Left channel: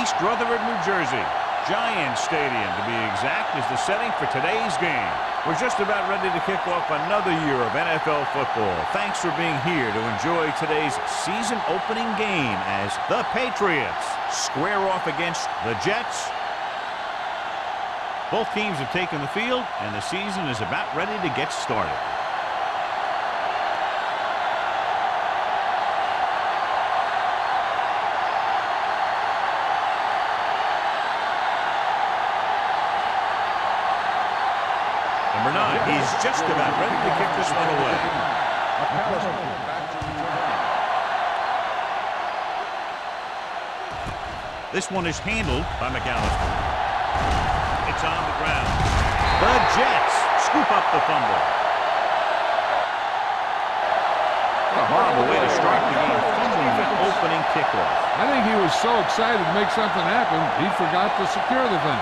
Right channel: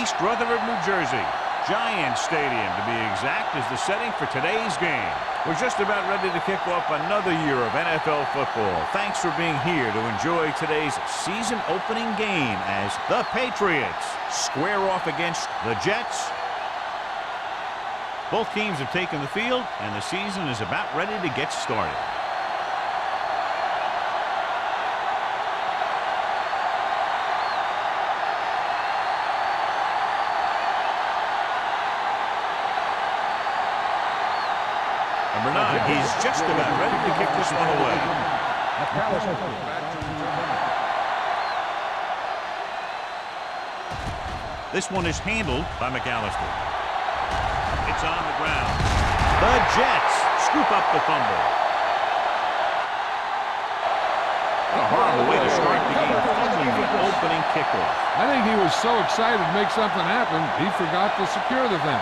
East Rutherford, New Jersey. Giant Stadium, to be exact, is the setting for today's game. We're just about ready to kick off another year of NFL football. Thanks for being here to enjoy today's season-opening game as the Patriots square off against the Jets. Both teams have taken the field, and the season is about ready to get started. Number 9, he's just about ready to kick this one away. This one is handled by McAllister. It's on the ground. The Jets scoop up the fumble. What a horrible way to start the game, fumbling the opening kickoff. I think he was so excited to make something happen, he forgot to secure the thing.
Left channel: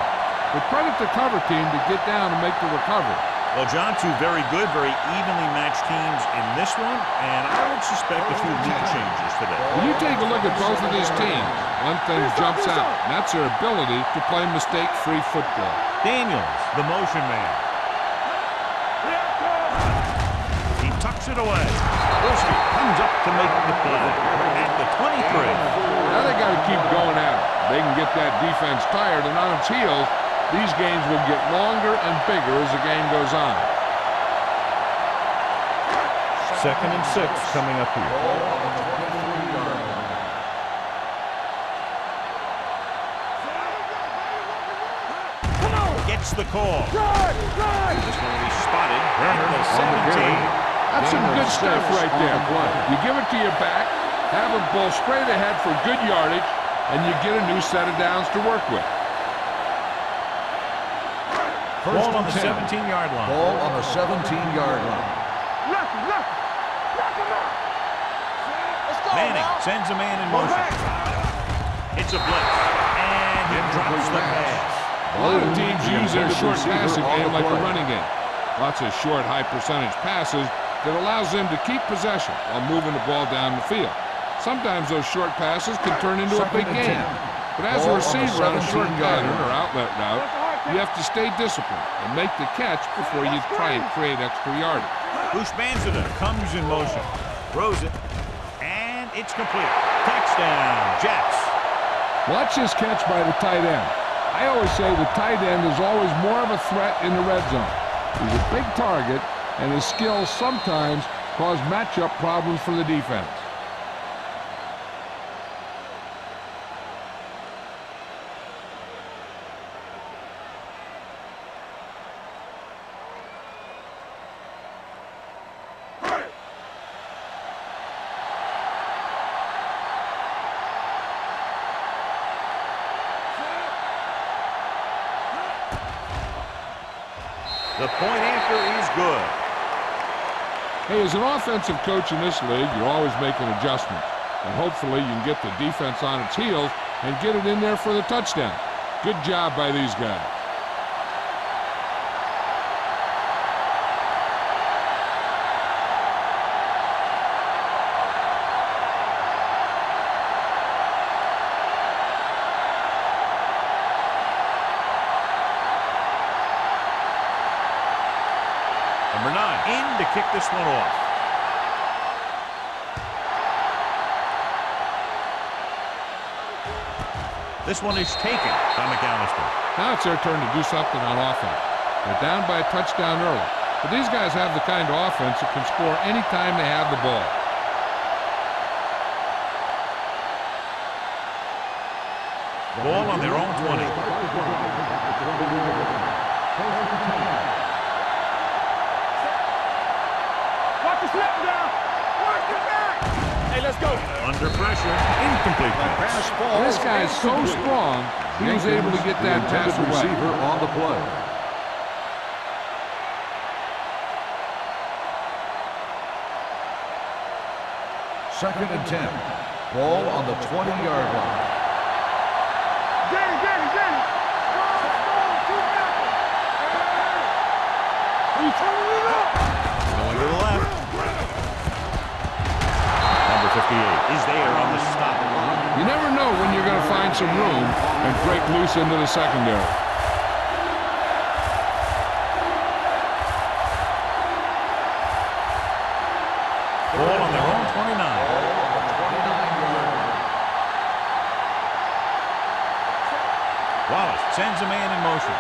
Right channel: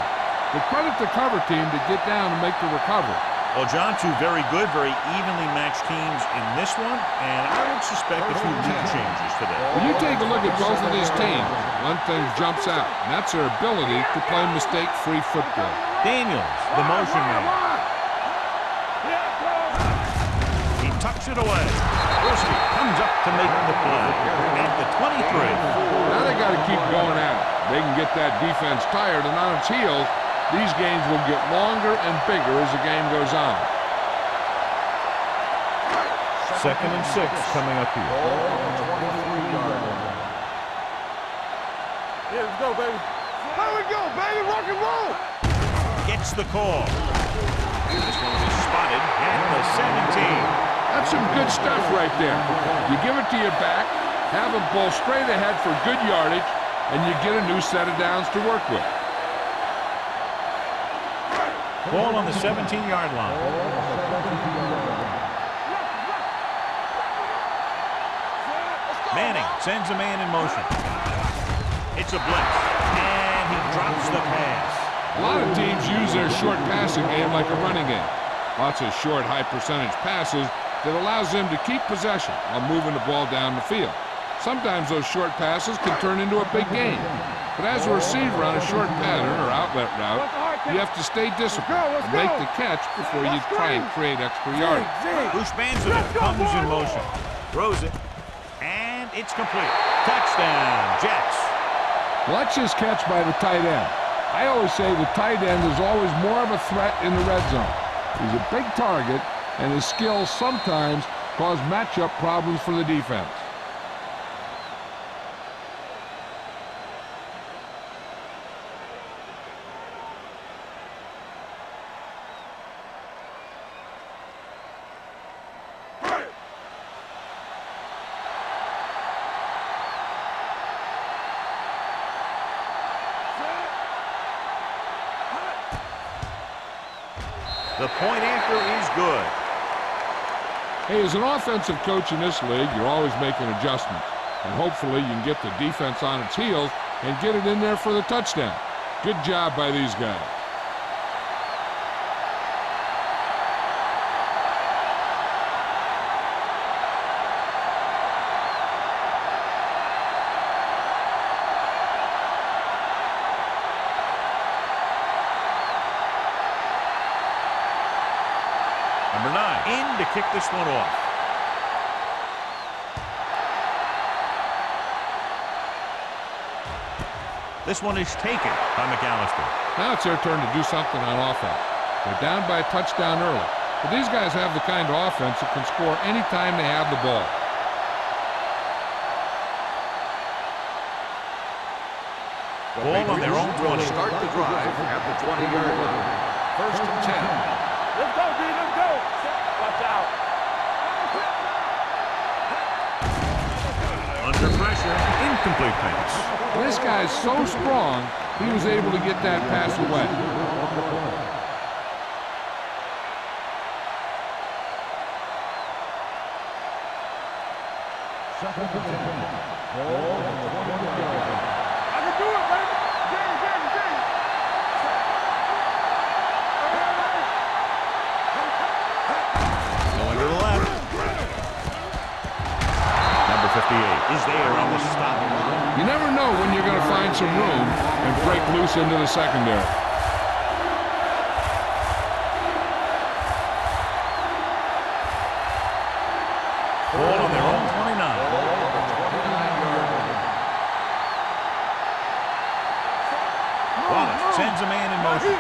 But credit the cover team to get down and make the recovery. Well, John, two very good, very evenly matched teams in this one, and I would suspect a few lead changes today. When you take a look at both of these teams, one thing jumps out, and that's their ability to play mistake-free football. Daniels, the motion man. He tucks it away. Wilski comes up to make the play at the 23. Now they got to keep going at it. They can get that defense tired and on its heels. These games will get longer and bigger as the game goes on. 2nd and 6 coming up here. Ball on the 23-yard line. Here we go, baby. There we go, baby. Rock and roll. Gets the call. This one will be spotted at the 17. That's some good stuff right there. You give it to your back, have him pull straight ahead for good yardage, and you get a new set of downs to work with. Ball on the 17-yard line. Ball on the 17-yard line. Manning sends a man in motion. It's a blitz, and he drops the pass. A lot of teams use their short passing game like a running game. Lots of short, high-percentage passes that allows them to keep possession while moving the ball down the field. Sometimes those short passes can turn into a big game. But as a receiver on a short pattern or outlet route, you have to stay disciplined and make the catch before you try and create extra yardage. Bushmanzada comes in motion, throws it, and it's complete. Touchdown, Jets. Watch this catch by the tight end. I always say the tight end is always more of a threat in the red zone. He's a big target, and his skills sometimes cause matchup problems for the defense. The point after is good. Hey, as an offensive coach in this league, you're always making adjustments. And hopefully you can get the defense on its heels and get it in there for the touchdown. Good job by these guys. Number 9 in to kick this one off. This one is taken by McAllister. Now it's their turn to do something on offense. They're down by a touchdown early. But these guys have the kind of offense that can score anytime they have the ball. Ball on their own 20. Start the drive at the 20-yard line. 1st and 10. Under pressure, incomplete pass. This guy's so strong, he was able to get that pass away. On the play. Second and 10. Ball on the 20-yard line. Going to the left. Number Number 58 is there on the stop. You never know when you're going to find some room and break loose into the secondary. Ball on their own 29. Ball on the 29-yard line. Wallace sends a man in motion. Be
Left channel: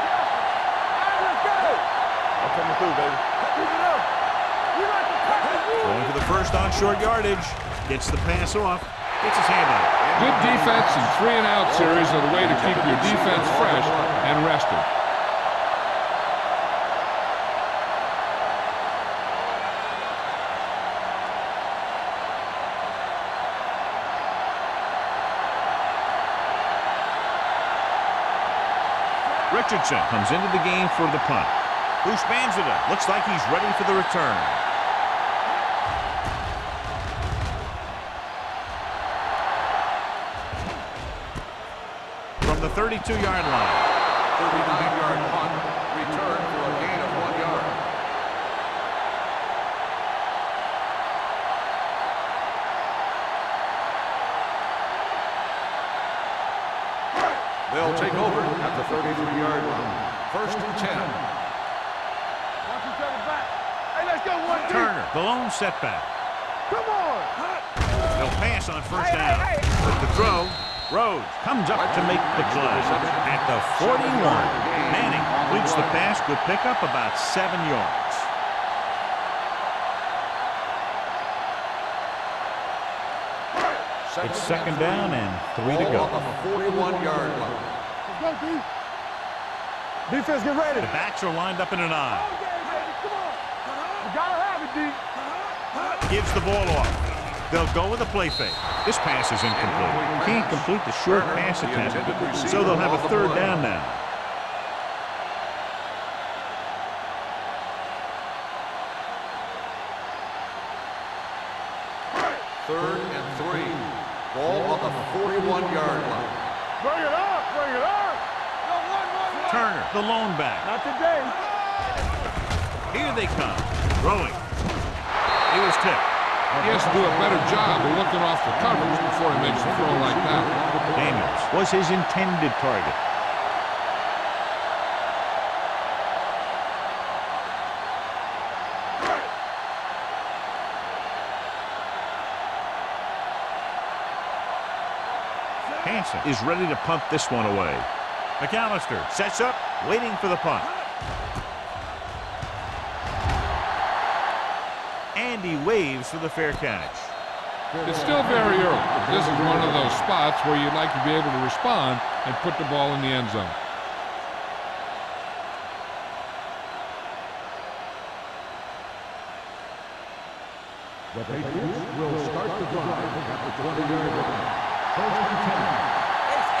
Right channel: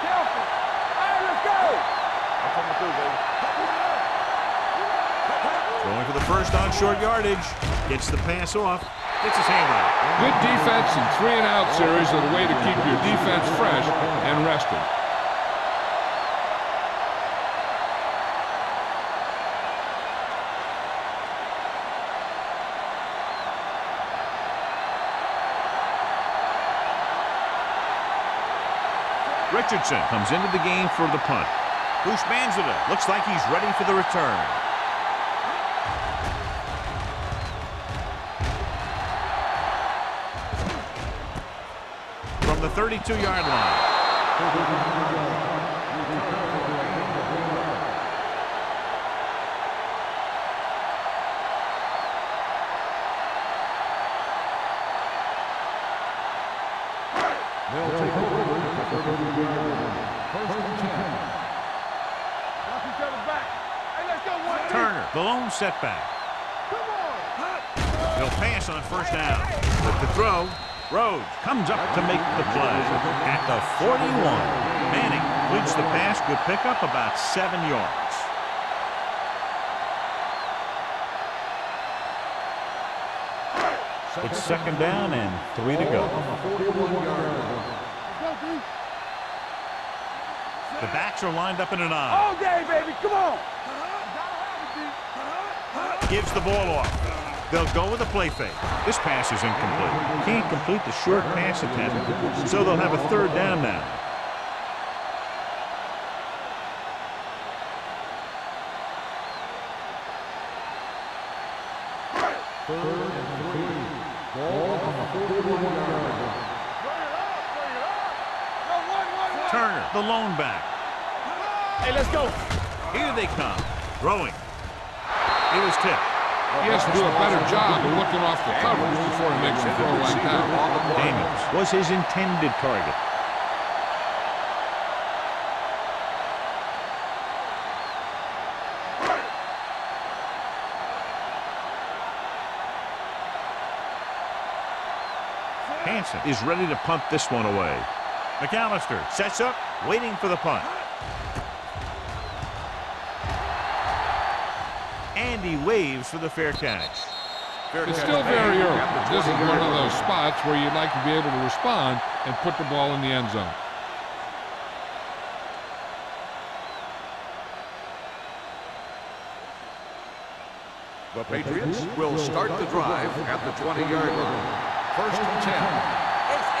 careful. All right, let's go. I'm coming through, baby. Keep it up. We like to cut it. Throwing for the first on short yardage. Gets the pass off. Gets his hand on it. Good defense and 3-and-out series are the way to keep your defense fresh and rested. Richardson comes into the game for the punt. Bushmanzada looks like he's ready for the return. From the 32-yard line. 39-yard punt. Return for a gain of 1 yard. They'll take over at the 33-yard line. First and 10. Watch each other back. Hey, let's go. One, two. Turner, the lone setback. Come on. They'll pass on first down. With the throw, Rhodes comes up to make the play. At the 41, Manning completes the pass. Good pickup, about 7 yards. It's second down and 3 to go. On the 41-yard line. Let's go, D. Defense, get ready. The backs are lined up in an eye. All day, baby. Come on. You gotta have it, D. Gives the ball off. They'll go with a play fake. This pass is incomplete. Can't complete the short pass attempt, so they'll have a third down now. Third and 3. Ball on the 41-yard line. Bring it up. Bring it up. No, one. Turner, the lone back. Not today. Hey, let's go. Here they come. Throwing. He was tipped. He has to do a better job of looking off the coverage before he makes a throw like that. Daniels was his intended target. Hansen is ready to punt this one away. McAllister sets up, waiting for the punt. And he waves for the fair catch. It's still very early, but this is one of those spots where you'd like to be able to respond and put the ball in the end zone. The Patriots will start the drive at the 20-yard line. First and 10. Ace.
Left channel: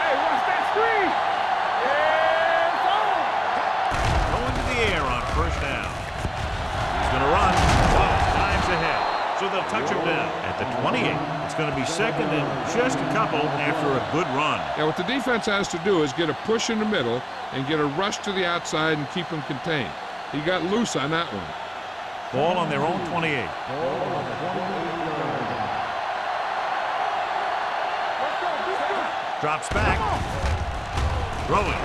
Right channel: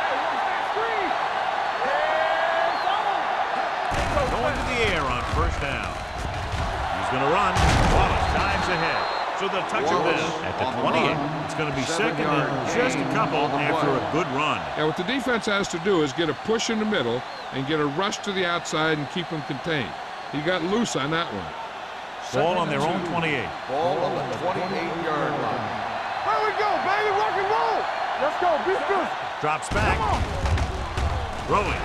Hey, watch that screen. It's on. Going to the air on first down. He's going to run. Wallace dives ahead. So they'll touch him down at the 28. It's going to be second and just a couple after a good run. Yeah, what the defense has to do is get a push in the middle and get a rush to the outside and keep him contained. He got loose on that one. Ball on their own 28. Ball on the 28-yard line. Here we go, baby. Rock and roll. Let's go. Be good. Drops back. Throwing.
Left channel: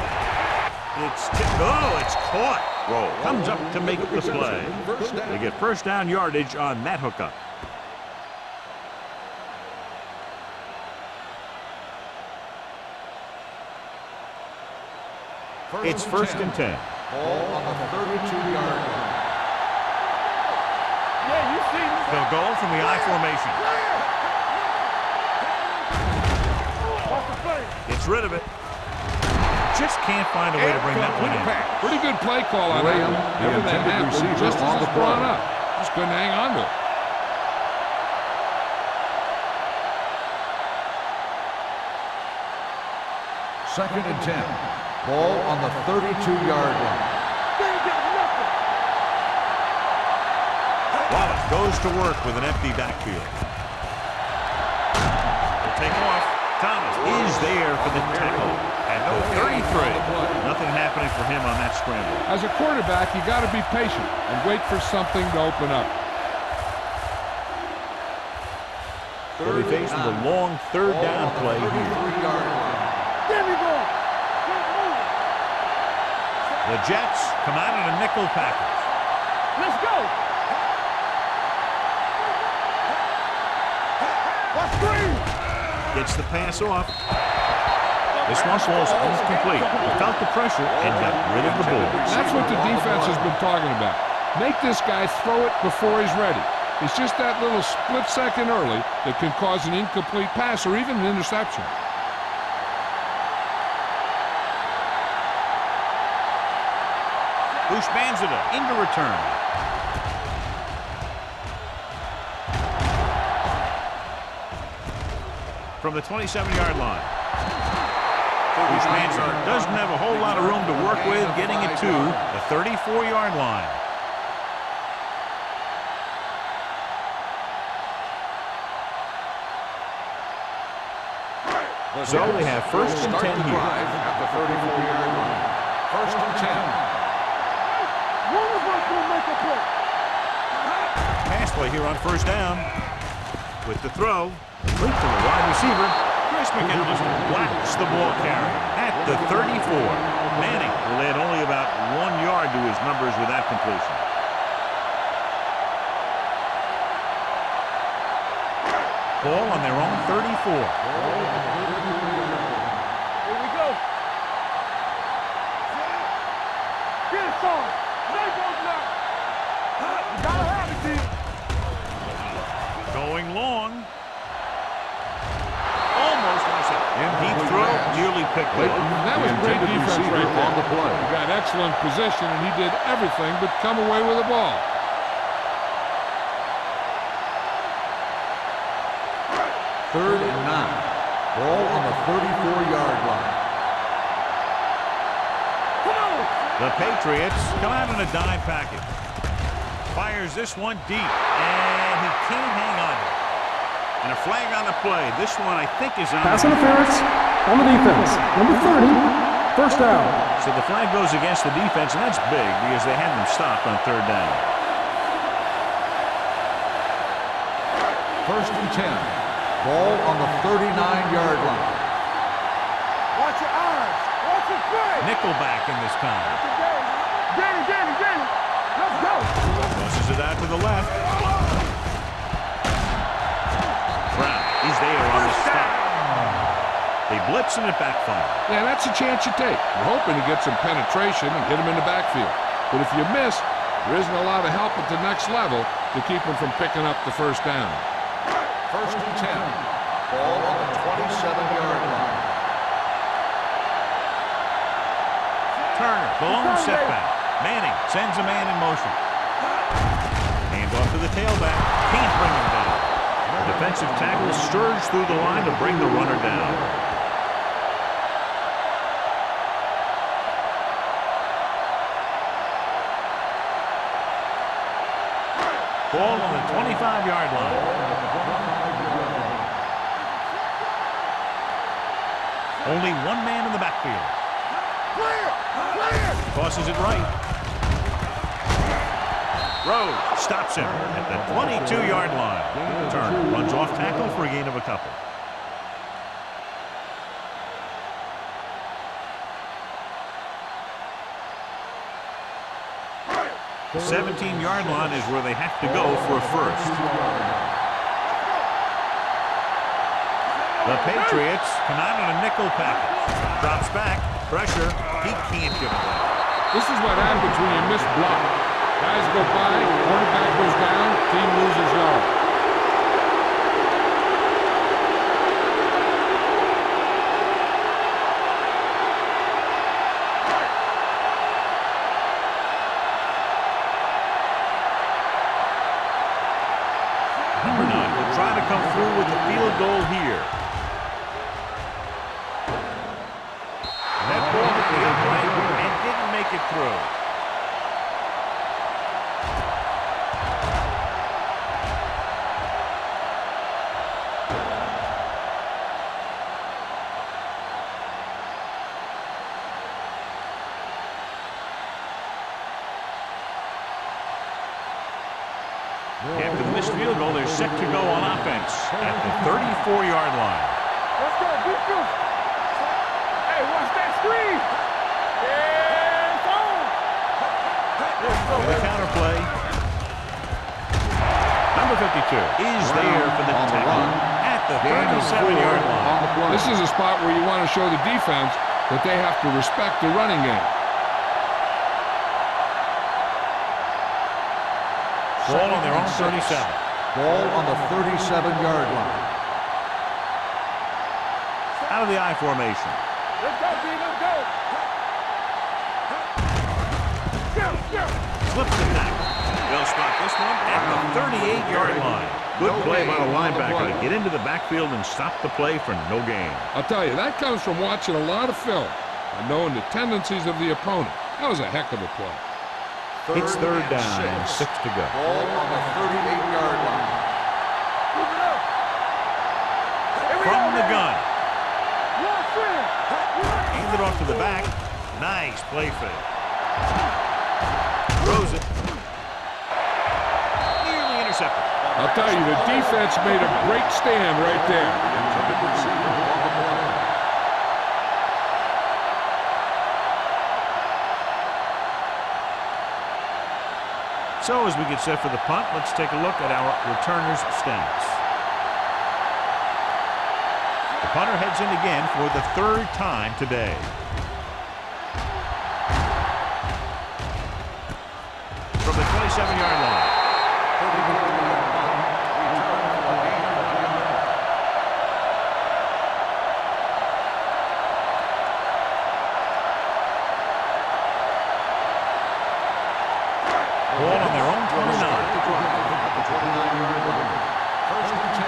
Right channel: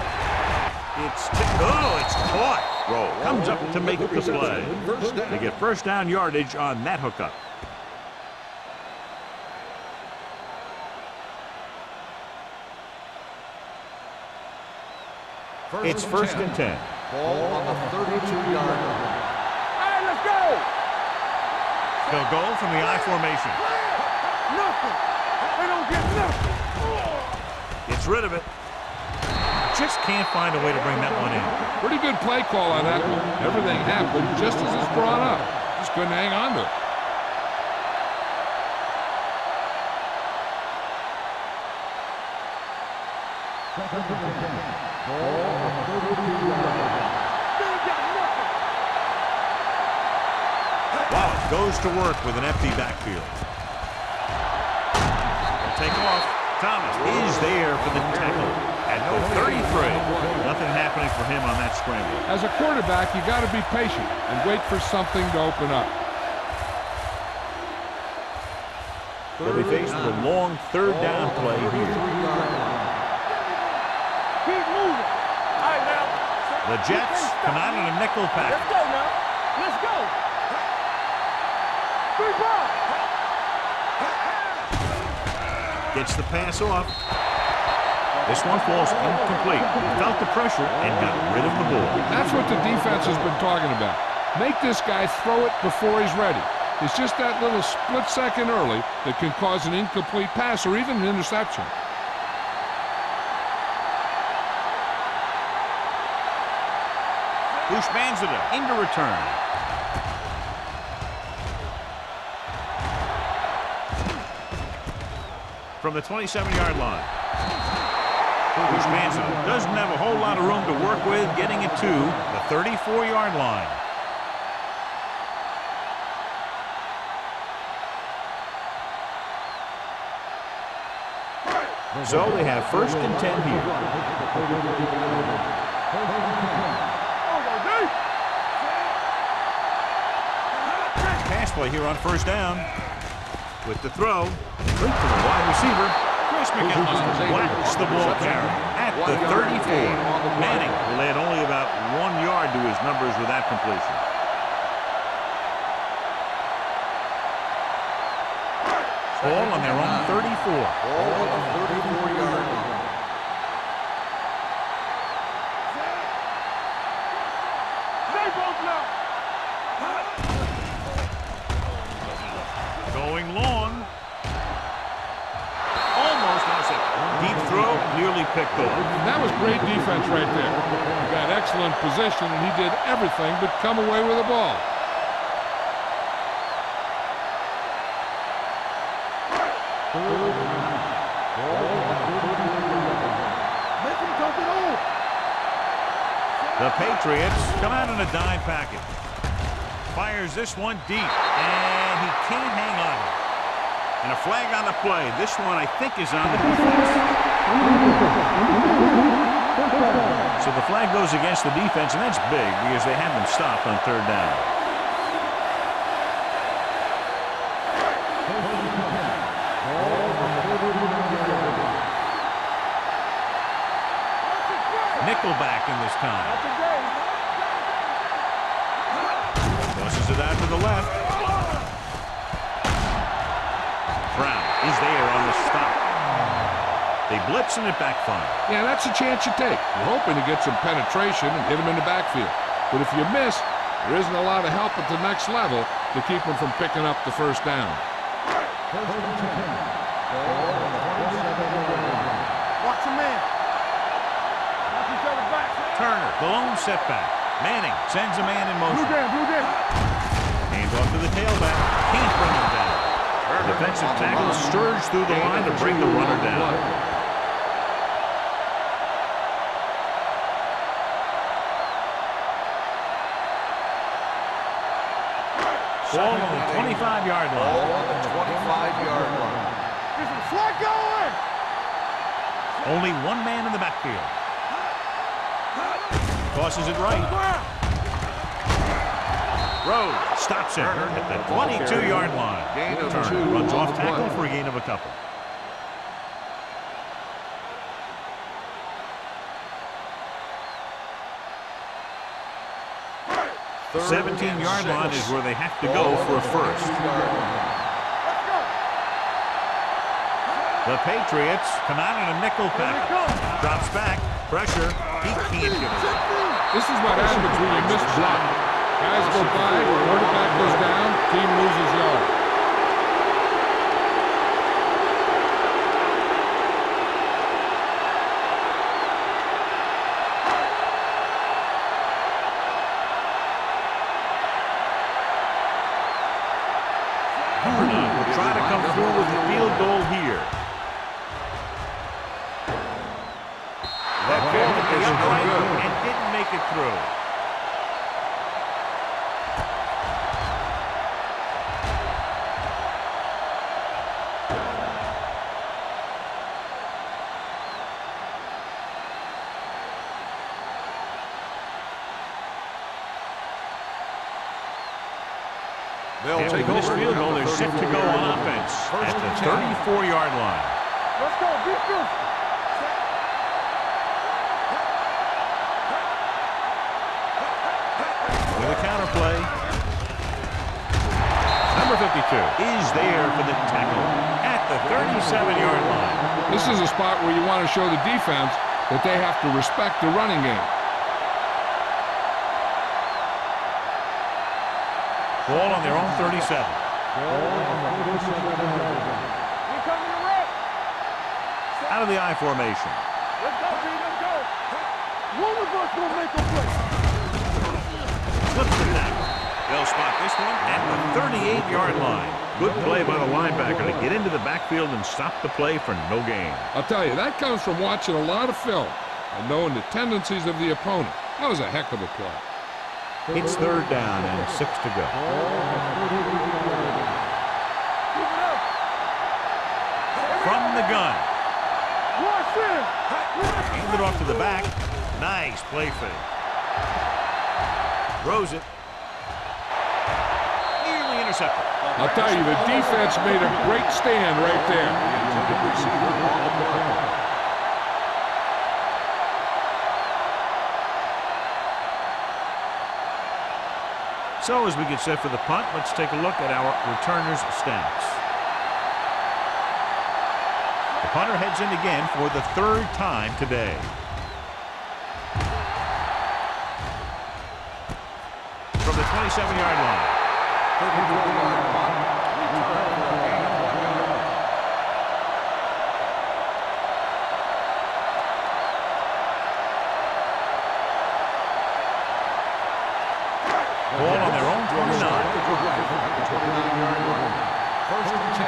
It's tipped. Oh, it's caught. Roll. Comes up to make the play. They get first down yardage on that hookup. It's first and 10. Ball on the 32-yard line. Hey, let's go. Yeah, you see this. They'll go from the I formation. Gets rid of it. Just can't find a way to bring that one in. Pretty good play call on that one. Everything happened just as it's brought up. Just couldn't hang on to it. Second and 10. Ball on the 32-yard line. They ain't got nothing. Wallace goes to work with an empty backfield. He'll take off. Thomas is there for the tackle. At the 33. Nothing happening for him on that scramble. As a quarterback, you got to be patient and wait for something to open up. They'll be faced with a long third down play here. 33-yard line. Keep moving. The Jets come out in a nickel package. Let's go. Gets the pass off. This one falls incomplete. He felt the pressure and got rid of the ball. That's what the defense has been talking about. Make this guy throw it before he's ready. It's just that little split second early that can cause an incomplete pass or even an interception. Bushmanzada into return. From the 27-yard line. Bushmanzada doesn't have a whole lot of room to work with, getting it to the 34-yard line. So they have first and 10 here. At the 34-yard line. First and 10. Pass play here on first down. With the throw, complete to the wide receiver. Chris McAllister whacks the ball carrier at the 34. Manning will add only about 1 yard to his numbers with that completion. Ball on their own 34. Ball on the 34-yard line. Here we go. Set. Get it on. Stay both now. Going long. Almost intercepted. Deep throw, nearly picked off. That was great defense right there. He got excellent position, and he did everything but come away with the ball. Third and 9. Ball on the 34-yard line. The Patriots come out in a dime package. Fires this one deep, and he can't hang on to it. And a flag on the play. This one, I think, is on Pass the interference on the defense. Number 30, first down. So the flag goes against the defense, and that's big because they had them stopped on third down. First and 10. Ball on the 39-yard line. Watch your eyes. Watch your play. Nickelback in this time. That's a game. Get it. Let's go. Tosses it out to the left. Brown, he's there on the stop. They blitz and it backfires. Yeah, that's a chance you take. You're hoping to get some penetration and hit him in the backfield. But if you miss, there isn't a lot of help at the next level to keep him from picking up the first down. First and 10. Ball on the 27-yard line. Watch your man. Turner, the lone setback. Manning sends a man in motion. Hand off to the tailback. Can't bring him down. The defensive tackle surged through the line to bring the runner down. Ball on the 25-yard line. Ball on the 25-yard line. There's some slack going. Only one man in the backfield. Clear. Tosses it right. Rhodes stops him at the 22-yard line. Turner runs off tackle for a gain of a couple. The 17-yard line is where they have to go for a first. Let's go. The Patriots come out in a nickel package. Drops back. Pressure. He can't give it up. This is what happens when you miss block. Guys go by, quarterback goes down, team loses yard. Number 9 will try to come through with the field goal here. That ball hit the upright and didn't make it through. After the missed field goal, they're set to go on offense at the 34-yard line. Let's go. Be physical. Hey, watch that screen. With a counter play. Number 52 is there for the tackle at the 37-yard line. This is a spot where you want to show the defense that they have to respect the running game. Ball on their own 37. Ball on the 37-yard line. Out of the I formation. Let's go, B. Let's go. Flips the tackle. They'll spot this one at the 38-yard line. Good play by the linebacker to get into the backfield and stop the play for no gain. I'll tell you, that comes from watching a lot of film and knowing the tendencies of the opponent. That was a heck of a play. It's third down and 6 to go. Ball on the 38-yard line. Keep it up. From the gun. Watch in. Hand it off to the back. Nice play fake. Throws it. Nearly intercepted. I'll tell you, the defense made a great stand right there. The intended receiver on the play. So as we get set for the punt, let's take a look at our returners' stats. The punter heads in again for the third time today. From the 27-yard line. 34-yard punt. Return for a gain of 1 yard. Ball on their own 29. Start the drive at the 29-yard line. First and 10.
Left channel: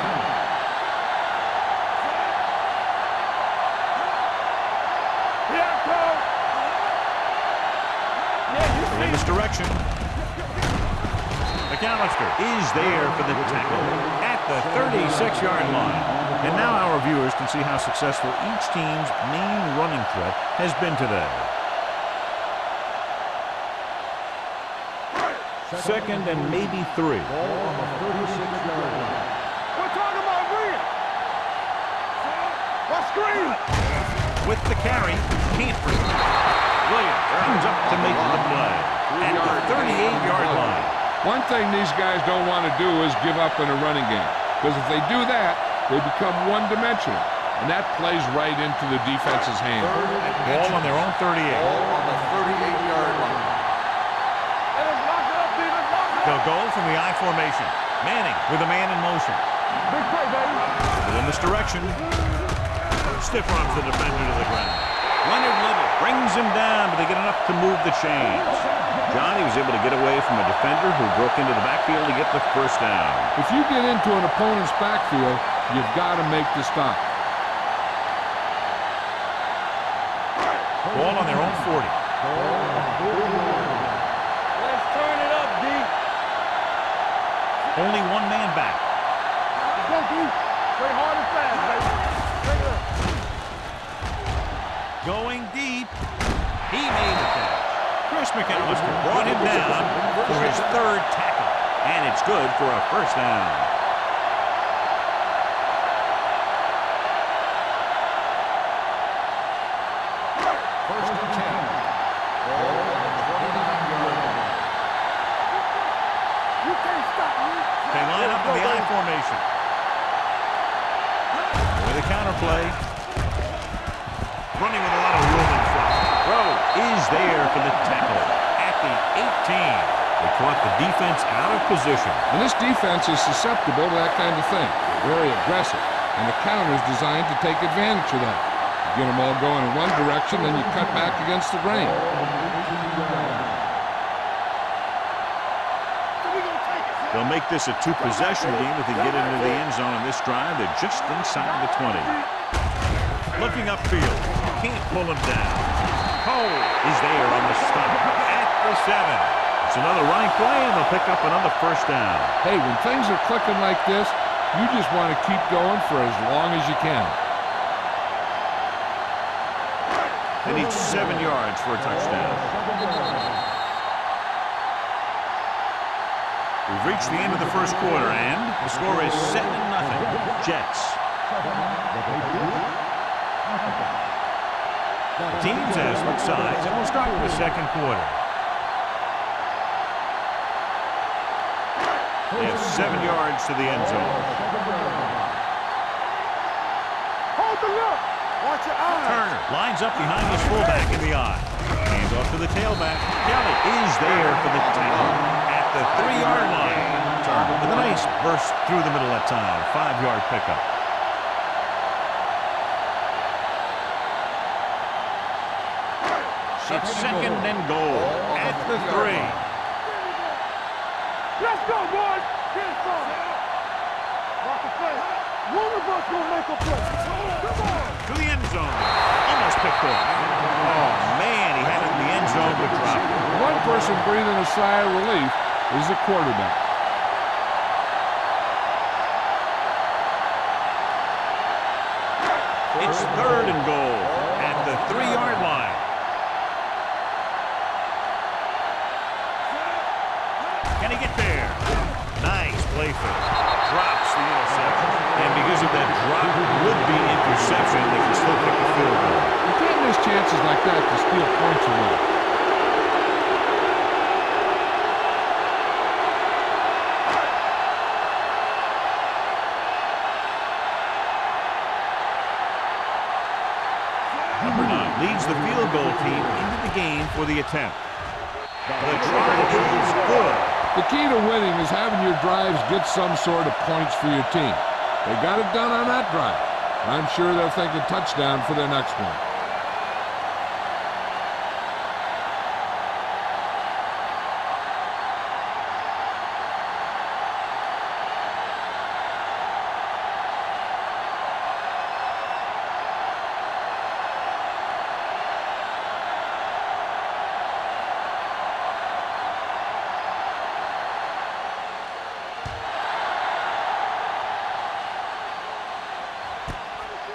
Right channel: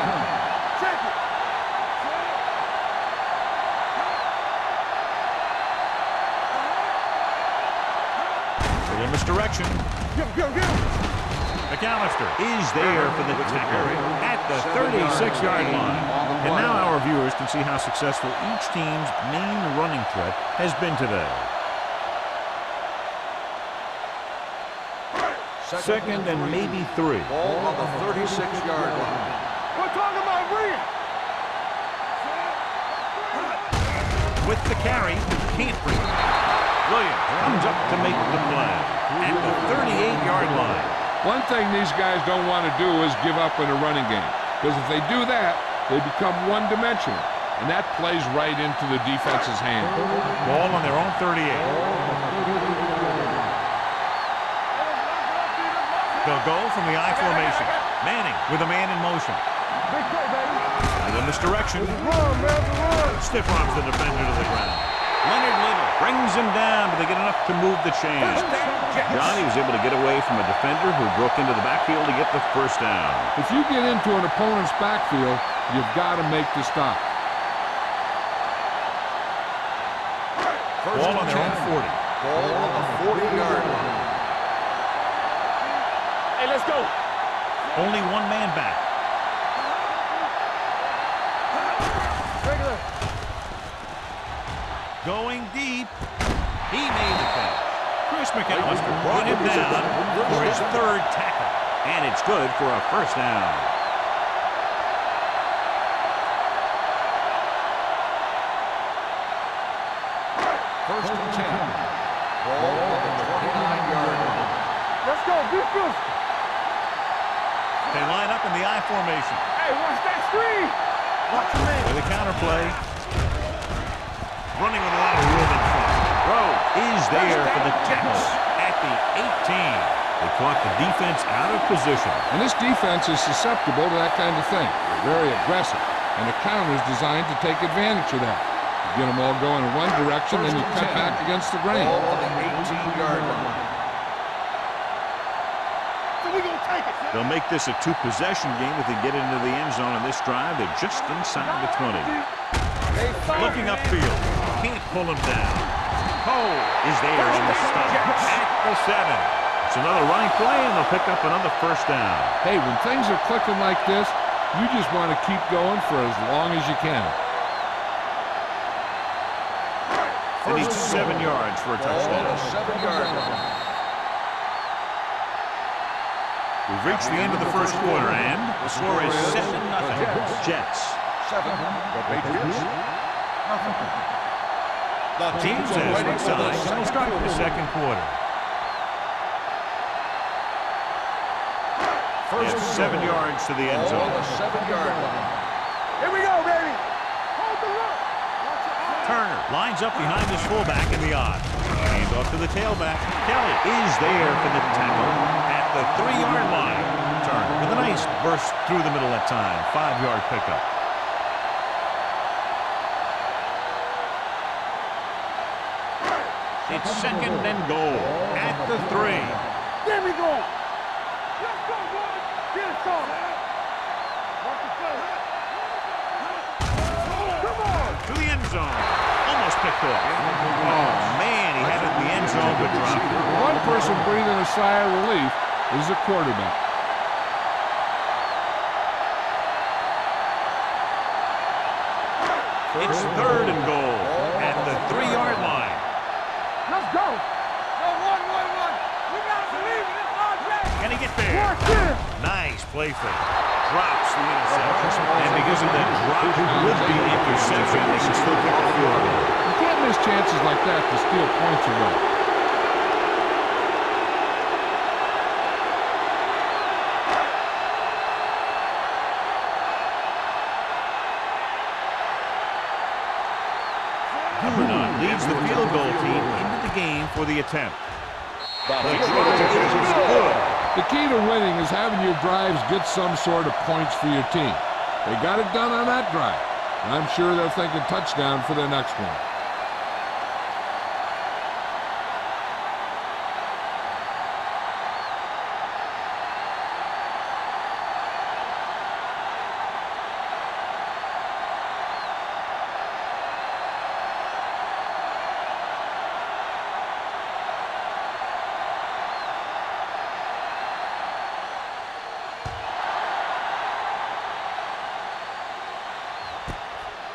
In misdirection. McAllister is there for the tackle at the 36-yard line. And now our viewers can see how successful each team's main running threat has been today. Second and maybe 3. Ball on the 36-yard line. We're talking about bring. Let's screen. With the carry, can't bring it. Williams comes up to make the play at the 38-yard line. One thing these guys don't want to do is give up in a running game, because if they do that, they become one-dimensional, and that plays right into the defense's hand. Ball on their own 38. Ball on the 38-yard line. Let's lock it up, D. Let's lock it up. They'll go from the I formation. Manning with a man in motion. Big play, baby. With a misdirection. Stiff arms the defender to the ground. Leonard Little brings him down, but they get enough to move the chains. Johnny was able to get away from a defender who broke into the backfield to get the first down. If you get into an opponent's backfield, you've got to make the stop. Ball on their own 40. Ball on the 40-yard line. Let's turn it up, D. Hey, let's go. Only one man back. Regular. Going deep. He made the catch. Chris McAllister brought him down for his third tackle. And it's good for a first down. First and 10. Ball on the 29-yard line. Let's go. Be good. You can't stop me. They line up in the I formation. Hey, watch that screen. With a counter play. Running with a lot of room in front. Rhodes is there for the tackle at the 18. They caught the defense out of position. And this defense is susceptible to that kind of thing. They're very aggressive, and the counter is designed to take advantage of that. You get them all going in one direction, then you cut back against the grain. Ball on the 18-yard line. So we gonna take it. They'll make this a two-possession game if they get into the end zone on this drive. They're just inside the 20. Looking upfield. Can't pull him down. Cole is there on the stop at the 7. It's another running play, and they'll pick up another first down. Hey, when things are clicking like this, you just want to keep going for as long as you can. They need 7 yards for a touchdown. 7-yard line. We've reached the end of the first quarter, and the score is 7-0. Jets. 7, the Patriots. The teams have switched sides, and we'll start the second quarter. They have 7 yards to the end zone. 7-yard line. Here we go, baby. Hold the look. Watch your eyes. Turner lines up behind his fullback in the eye. Hands off to the tailback. Kelly is there for the tackle at the 3-yard line. Turner with a nice burst through the middle that time. 5-yard pickup. It's second and goal at the 3. There we go. Let's go, boys. Get it on. Watch the play. Move the ball to a mental play. Come on. To the end zone. Almost picked off. Oh, man, he had it in the end zone but dropped it. One person breathing a sigh of relief is the quarterback. It's third and goal at the 3-yard line. Let's go. Can he get there? Nice play fake. Drops the interception. And because of that drop would-be interception, they can still kick a field goal. You can't miss chances like that to steal points away. Number 9 leads the field goal team into the game for the attempt. The try is good. The key to winning is having your drives get some sort of points for your team. They got it done on that drive, and I'm sure they'll think a touchdown for their next one.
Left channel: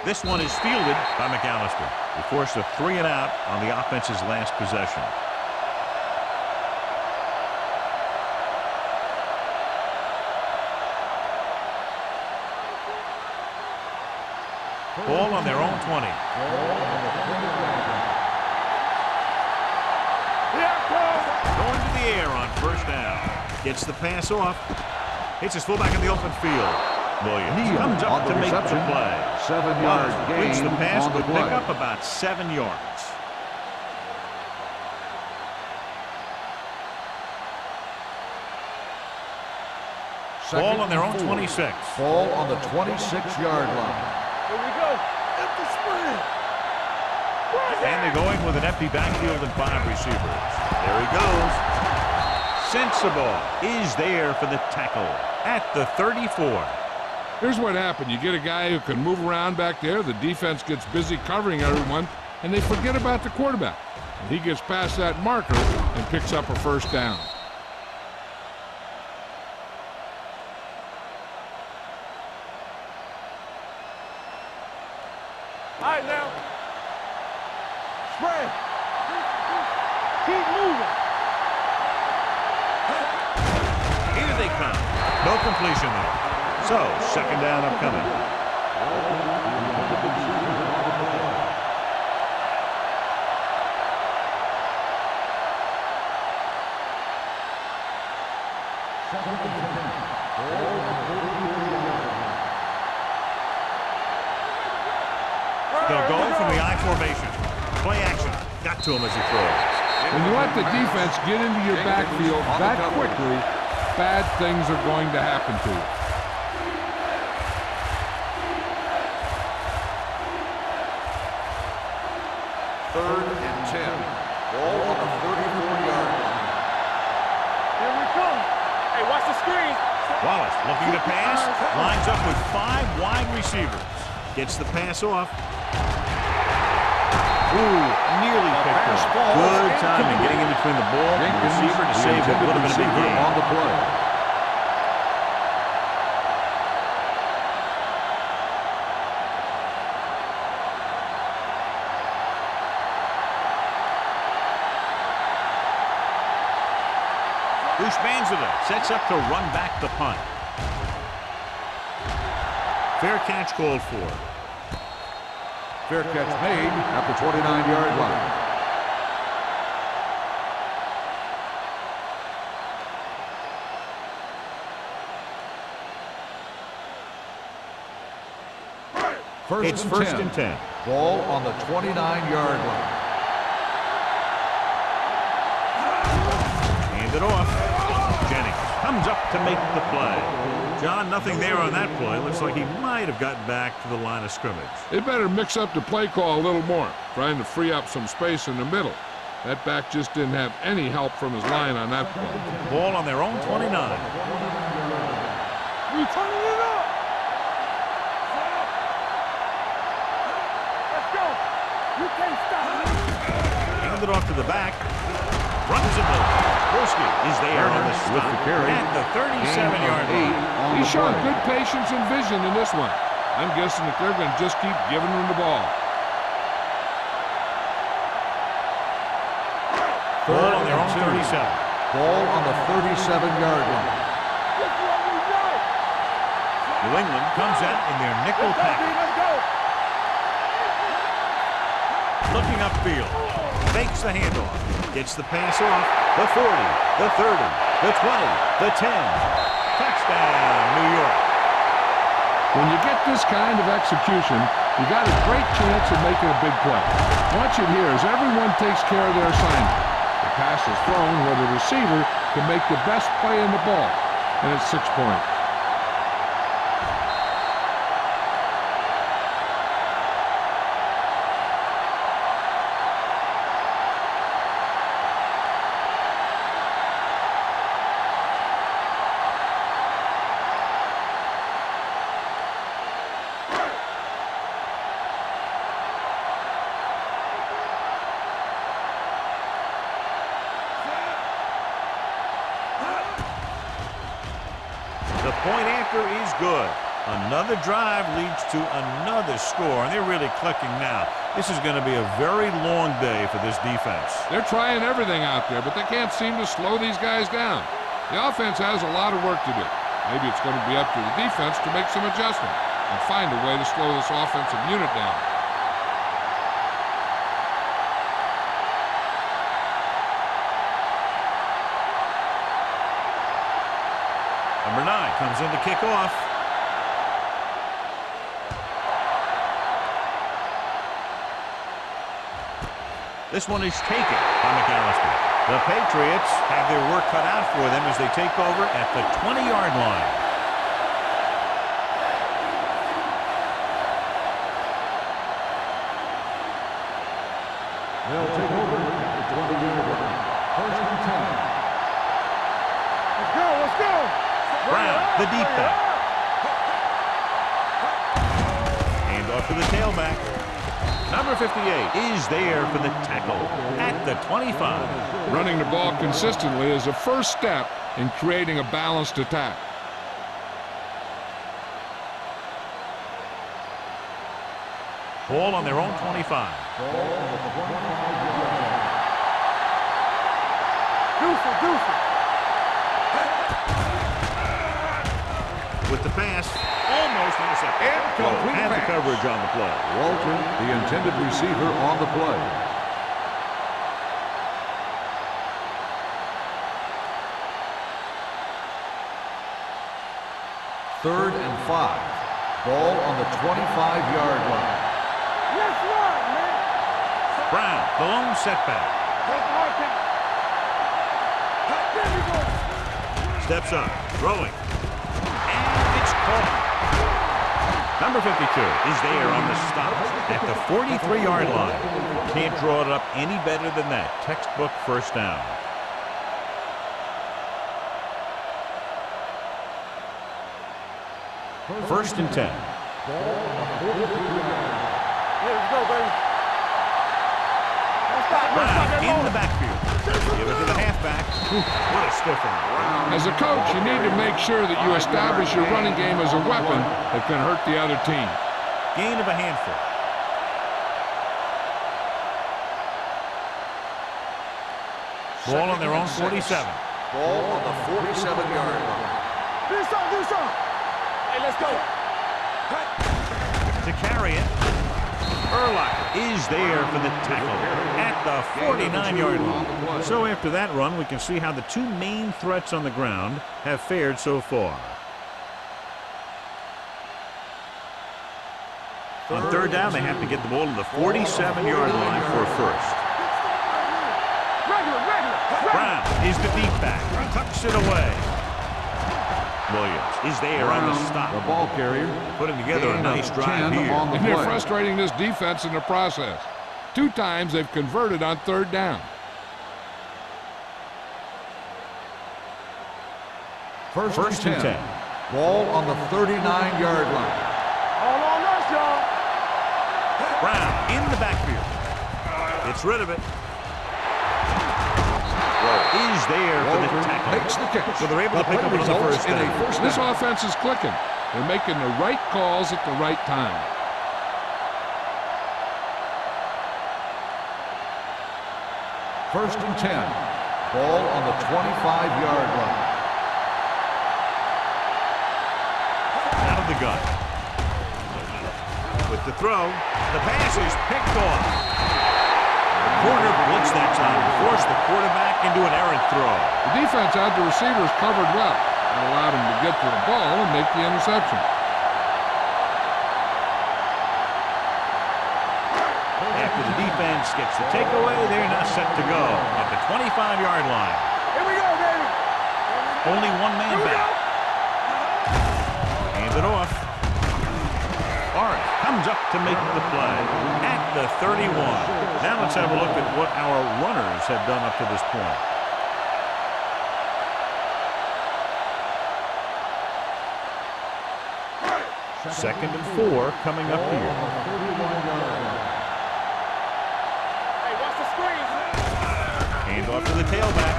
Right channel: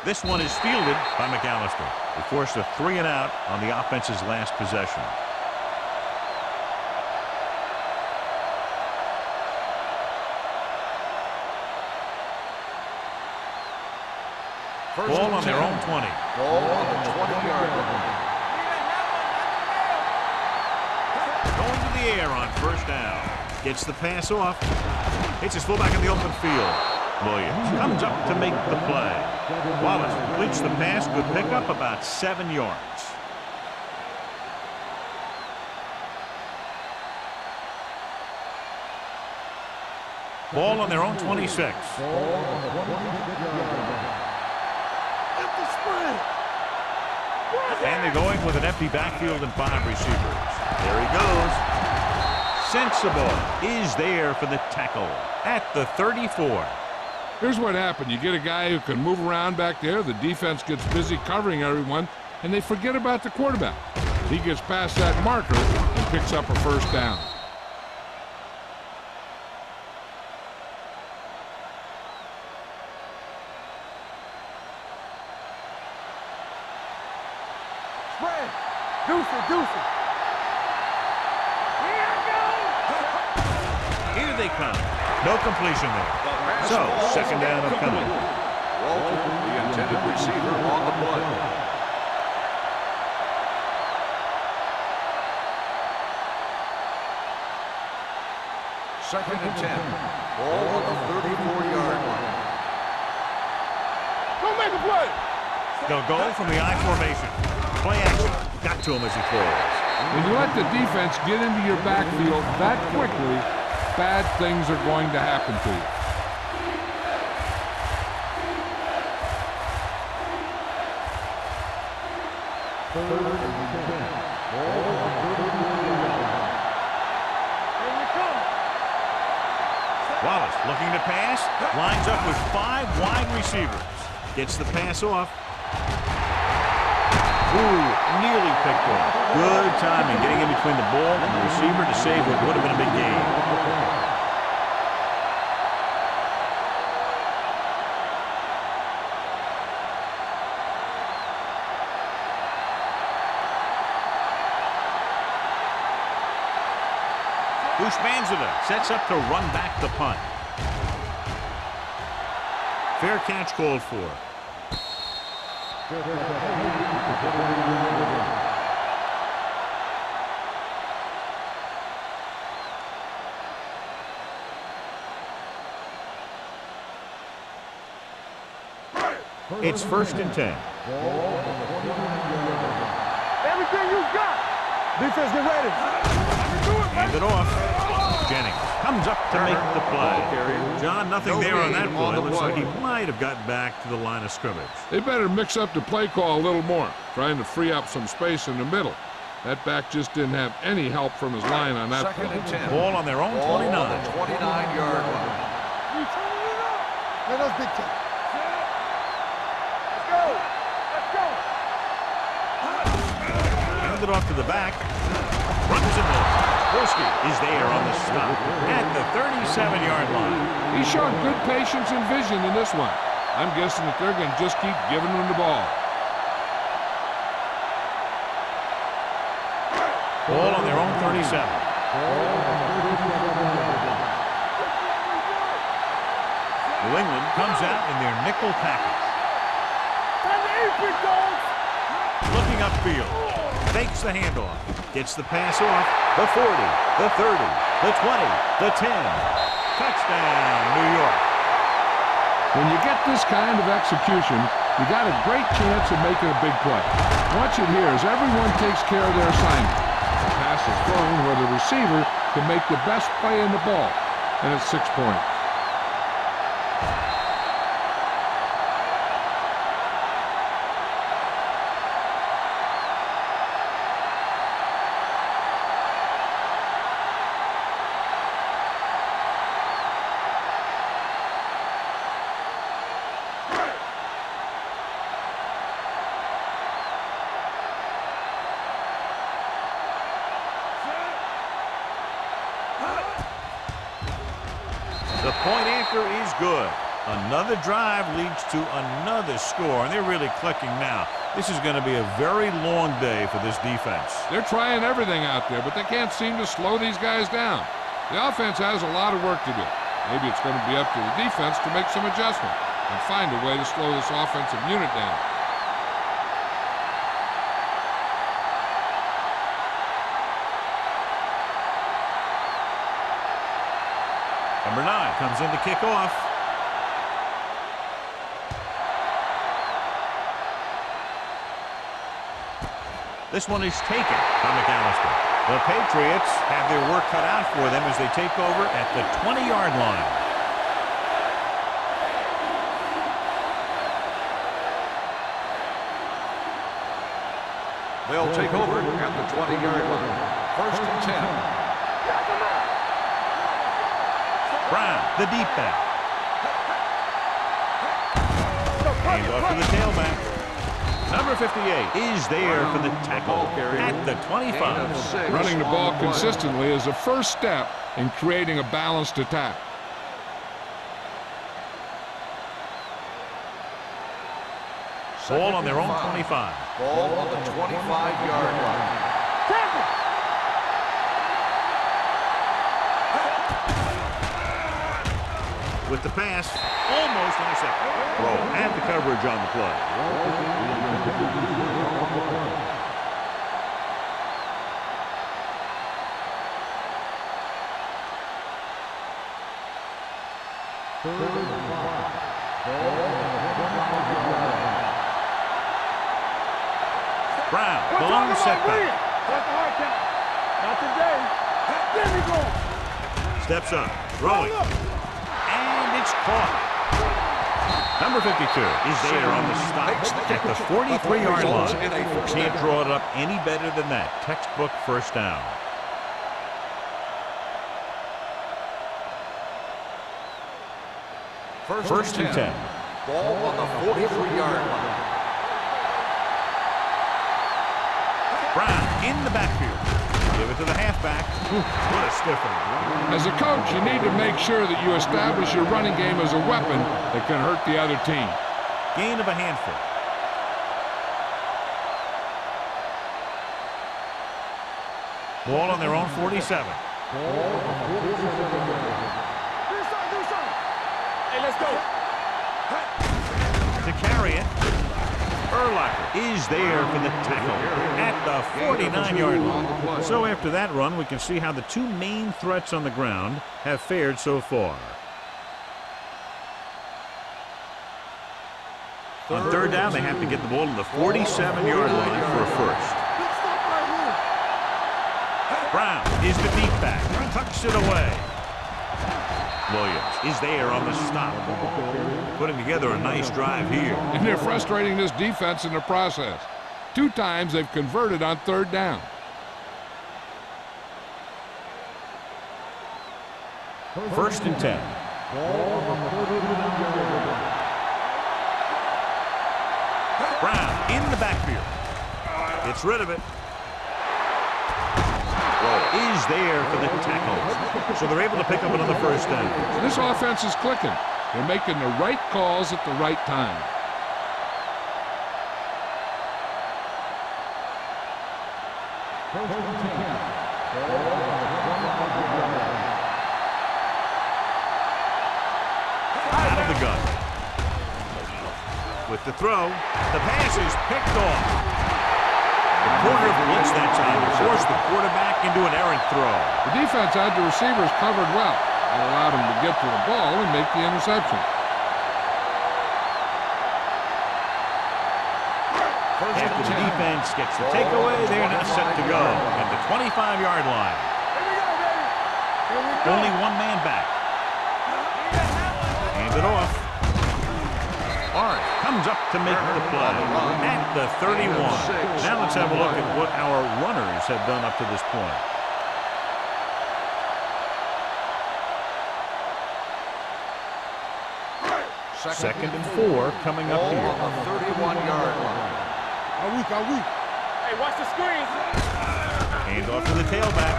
This one is fielded by McAllister. They forced a 3-and-out on the offense's last possession. Ball on their own 20. Ball on the 20-yard line. Going to the air on first down. Gets the pass off. Hits his fullback in the open field. Williams comes up to make the play. 7 Wallace yards completes the gain pass. on the Good play. pickup, about 7 yards. Ball on their own 26. Ball on the 26-yard line. Here we go. Empty spread. And they're going with an empty backfield and 5 receivers. There he goes. Sensible is there for the tackle at the 34. Here's what happened. You get a guy who can move around back there. The defense gets busy covering everyone, and they forget about the quarterback. He gets past that marker and picks up a first down. All right, now. Spread. Deuce it. Keep moving. Here they come. No completion there. So, second down upcoming. Walton, the intended receiver on the play. Second and 10. Ball on the 34-yard line. Go make a play. They'll go from the I formation. Play action. Got to him as he throws. When you let the defense get into your backfield that quickly, bad things are going to happen to you. Third and 10. Ball on the 34-yard line. Here we come. Hey, watch the screen. Wallace looking to pass. Lines up with 5 wide receivers. Gets the pass off. Ooh, nearly picked off. Good timing getting in between the ball and the receiver to save what would have been a big gain. On the play. Ushmanzada sets up to run back the punt. Fair catch called for. Fair catch made at the 29-yard line. It's first and 10. Ball on the 29-yard line. Everything you got. Defense, get ready. Hand it off. Jennings comes up to make the play. John, nothing there on that play. Looks like he might have gotten back to the line of scrimmage. They better mix up the play call a little more, trying to free up some space in the middle. That back just didn't have any help from his line on that play. Ball on their own 29. 29-yard line. We turning it up. Let us get to Let's go. You can't stop. Hand it off to the back. Runs it middle. Broski is there on the stop at the 37-yard line. He's showing good patience and vision in this one. I'm guessing that they're going to just keep giving him the ball. Ball on their own 37. Ball on the 37-yard line. This is what we want. New England comes out in their nickel package. Looking upfield. Fakes the handoff. Gets the pass off. The 40, the 30, the 20, the 10. Touchdown, New York. When you get this kind of execution, you got a great chance of making a big play. Watch it here as everyone takes care of their assignment. The pass is thrown where the receiver can make the best play in the ball, and it's 6 points. The point after is good. Another drive leads to another score, and they're really clicking now. This is going to be a very long day for this defense. They're trying everything out there, but they can't seem to slow these guys down. The offense has a lot of work to do. Maybe it's going to be up to the defense to make some adjustment and find a way to slow this offensive unit down. Number 9 comes in to kick off. This one is taken by McAllister. The Patriots have their work cut out for them as they take over at the 20-yard line. They'll take over at the 20-yard line. First and 10. Brown, the deep back. Hand off to the tailback. Number 58 is there for the tackle at the 25. Running the ball consistently is the first step in creating a balanced attack. Ball on their own 25. Ball on the 25-yard line. With the pass, almost intercepted. Throw had the coverage on the play. Walter, the intended receiver on the play. Third and 5. Ball on the 25-yard line. Brown, the lone setback. Steps up, throwing. And it's caught. Number 52 is there on the stop at the 43-yard line. Can't draw it up any better than that. Textbook first down. First and 10. Ball on the 43-yard line. Brown in the backfield. Give it to the halfback. What a stiff one. As a coach, you need to make sure that you establish your running game as a weapon that can hurt the other team. Gain of a handful. Ball on their own 47. Ball on the 47-yard line. Do something. Hey, let's go. To carry it, Urlacher is there for the tackle at the 49-yard line. So after that run, we can see how the two main threats on the ground have fared so far. On third down, they have to get the ball to the 47-yard line for a first. Good stuff right here. Regular. Brown is the deep back, tucks it away. Williams is there on the stop. The ball carrier. Putting together a nice drive here. And they're frustrating this defense in the process. 2 times they've converted on third down. First and 10. Ball on the 39-yard line. Brown in the backfield. Gets rid of it. Is there for the tackle. So they're able to pick up another first down. This offense is clicking. They're making the right calls at the right time. First and 10. Ball on the 25-yard line. Out of the gun. With the throw, the pass is picked off. The corner blitzed that time and forced the quarterback into an errant throw. The defense had the receivers covered well. That allowed them to get to the ball and make the interception. After the defense gets the takeaway, they're now set to go at the 25-yard line. Here we go, baby. Here we go. Only one man back. Hand it off. Orange comes up to make the play at the 31. Now let's have a look at what our runners have done up to this point. Second and 4 coming up here. Hey, watch the screen. Hand off to the tailback.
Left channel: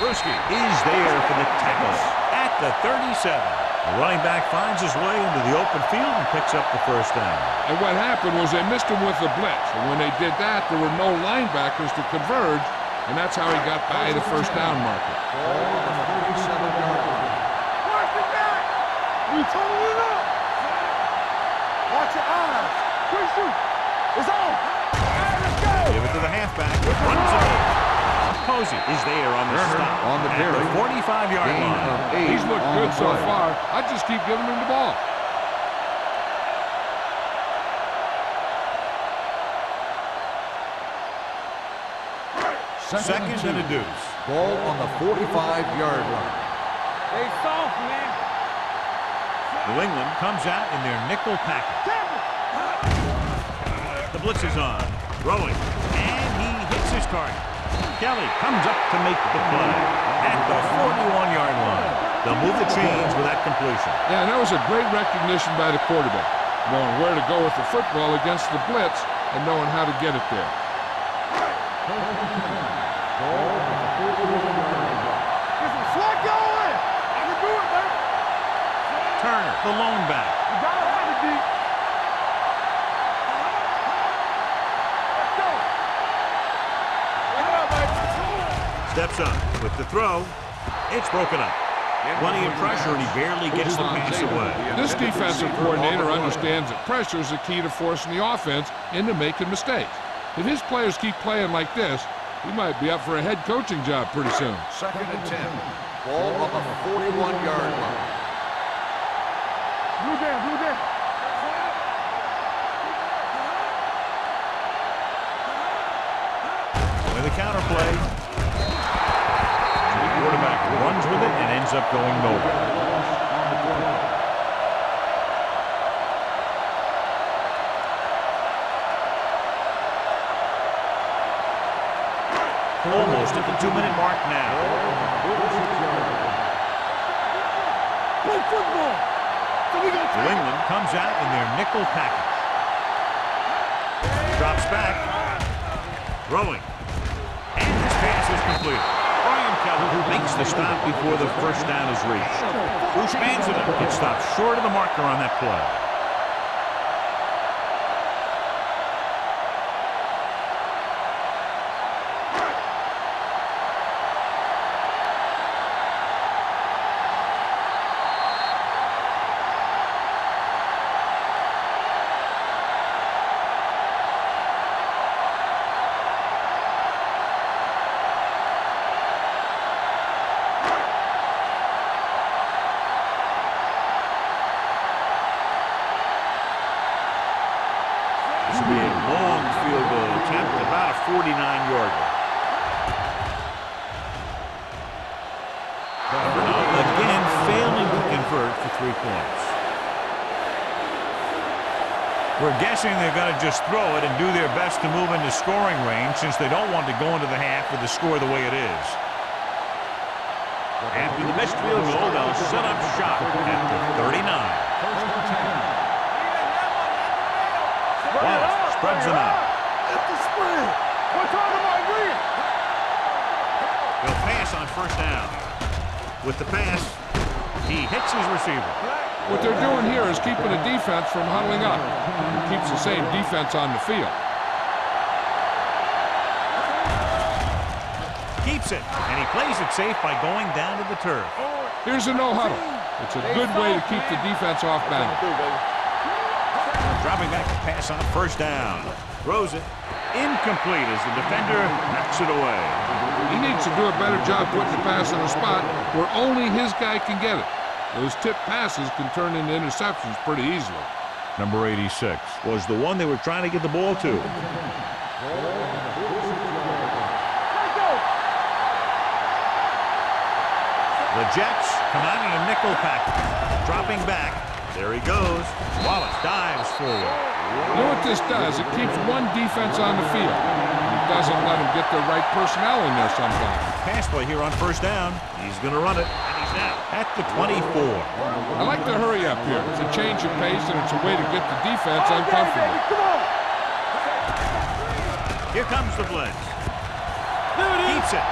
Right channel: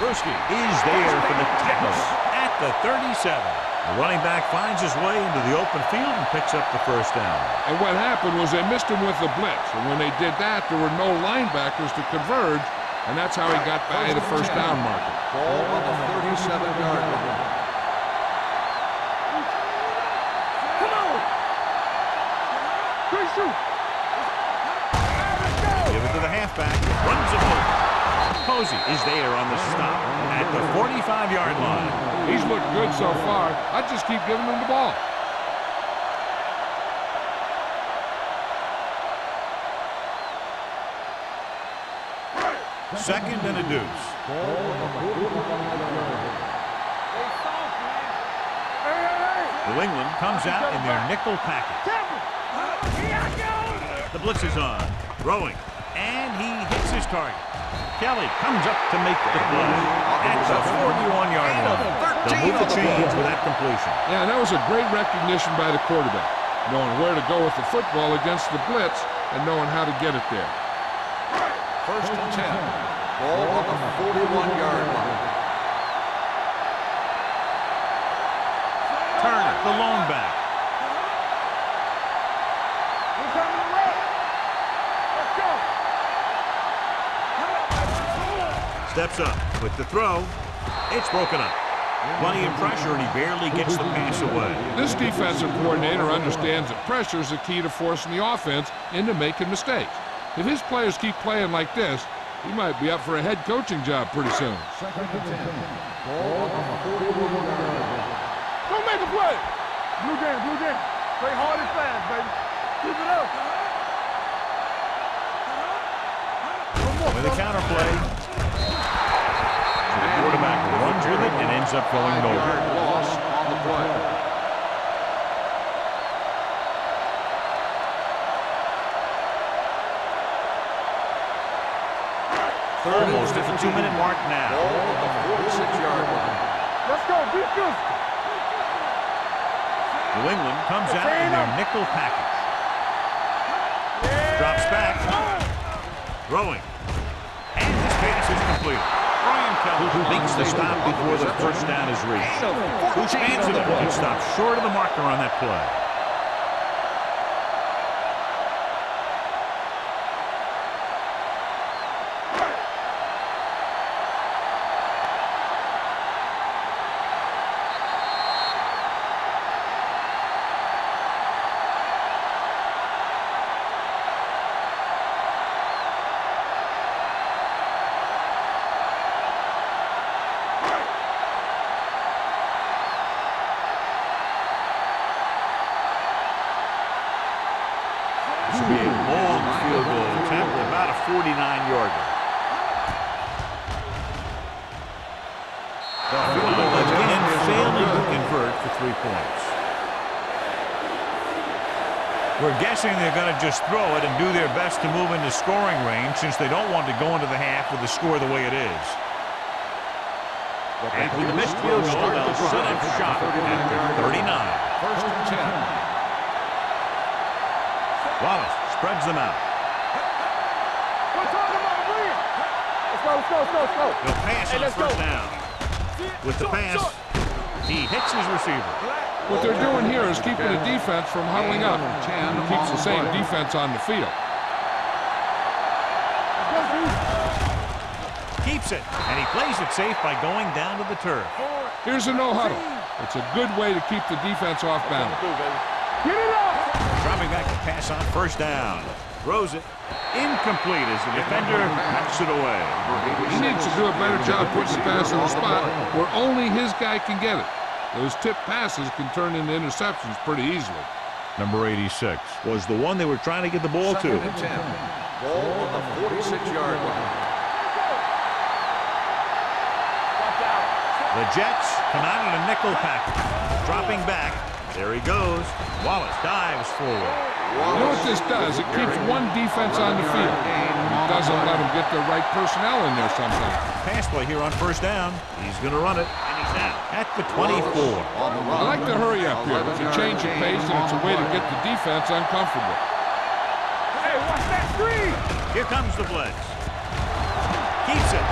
Brewski is there for the tackle at the 37. The running back finds his way into the open field and picks up the first down. And what happened was they missed him with the blitz. And when they did that, there were no linebackers to converge, and that's how he got by the first down marker. Ball on the 37-yard line. Watch it back. You turning it up. Come on. Watch your eyes. Quick shoot. It's on. All right, let's go. Give it to the halfback. Runs the ball. Posey is there on the stop at the 45-yard line. He's looked good so far. I just keep giving him the ball. Second and a deuce. Ball on the 45-yard line. They soft, man. New England comes out in their nickel package. The blitz is on. Throwing. And he hits his target. Kelly comes up to make the play at the 41-yard line. They'll move the chains with that completion. Yeah, and that was a great recognition by the quarterback, knowing where to go with the football against the blitz and knowing how to get it there. First and 10. Ball on the 41-yard line. Slide going. I can do it, man. Turner, the lone back. Let's go. Steps up with the throw. It's broken up. Plenty of pressure, and he barely gets the pass away. This defensive coordinator understands that pressure is the key to forcing the offense into making mistakes. If his players keep playing like this, he might be up for a head coaching job pretty soon. Second and 10. Ball on the 41-yard line. Go make a play. Blue down. With a counter play. So the quarterback runs with it and ends up going nowhere. Almost at the 2-minute mark now. New England comes out in their nickel package. Drops back. Throwing. And this pass is completed. Brian Kelly makes the stop before the first down is reached. Bruce Manson gets stopped short of the marker on that play. be a long field goal attempt, about a 49-yarder. Again, failing to convert for 3 points. We're guessing they're going to just throw it and do their best to move into scoring range since they don't want to go into the half with the score the way it is. After the missed field goal, they'll set up shop at the 39. First and 10. Wallace spreads them out. We're talking about green. He'll pass on first down. With the pass, he hits his receiver. What they're doing here is keeping the defense from huddling up. And keeps the same defense on the field. Keeps it, and he plays it safe by going down to the turf. Here's a no huddle. It's a good way to keep the defense off balance. Dropping back to pass on first down. Throws it. Incomplete as the defender knocks it away. He needs to do a better job putting the pass in a spot where only his guy can get it. Those tip passes can turn into interceptions pretty easily. Number 86 was the one they were trying to get the ball to. Ball on the 46-yard line. The Jets come out in a nickel package. Dropping back. There he goes. Wallace dives forward. You know what this does? It keeps one defense on the field. And it doesn't let them get the right personnel in there sometimes. Pass play here on first down. He's going to run it, and he's now at the 24. I like the hurry up here. It's a change of pace, and it's a way to get the defense uncomfortable. Here comes the blitz. Keeps it.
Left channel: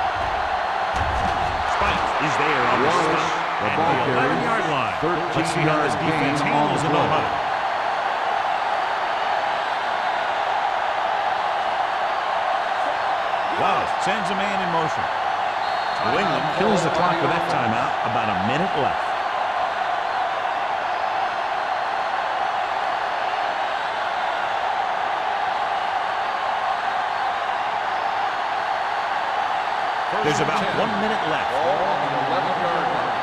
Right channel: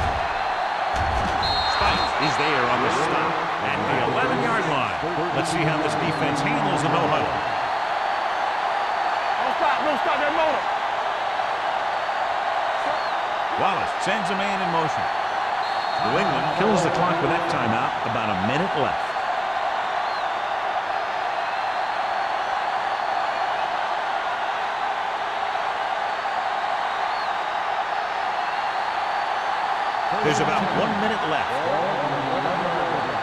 Spike is there on the stop at the 11-yard line. Let's see how this defense handles the no-huddle. Wallace sends a man in motion. New England kills the clock with that timeout. About a minute left. There's about 1 minute left. Ball on the 11-yard line.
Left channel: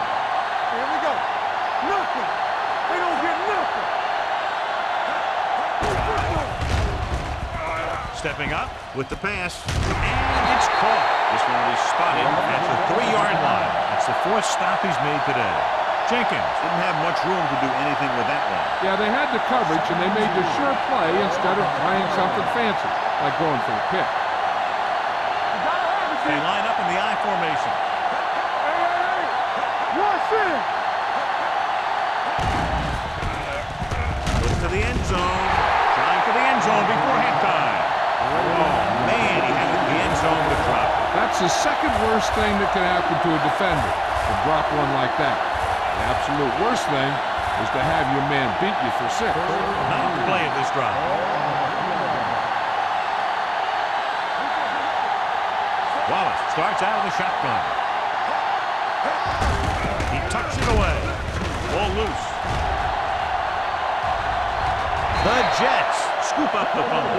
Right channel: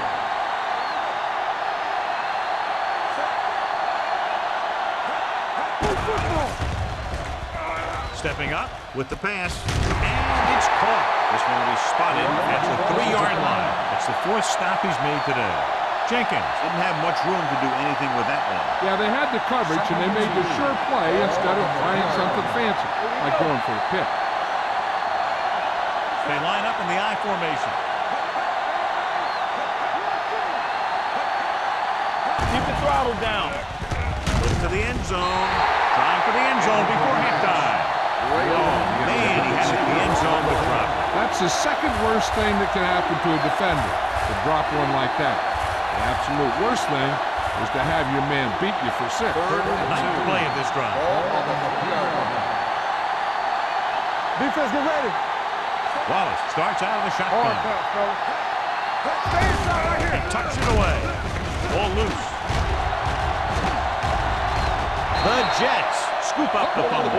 Stepping up with the pass, and it's caught. This one will be spotted at the 3-yard line. That's the 4th stop he's made today. Jenkins didn't have much room to do anything with that one. Yeah, they had the coverage, and they made the sure play instead of trying something fancy, like going for a pick. They line up in the I formation. Goes to the end zone. Trying for the end zone before halftime. Oh, man, he had it in the end zone but dropped it. That's the second worst thing that can happen to a defender, to drop one like that. The absolute worst thing is to have your man beat you for 6. Ninth play of this drive. Wallace starts out of the shotgun. He tucks it away. Ball loose. The Jets scoop up the fumble.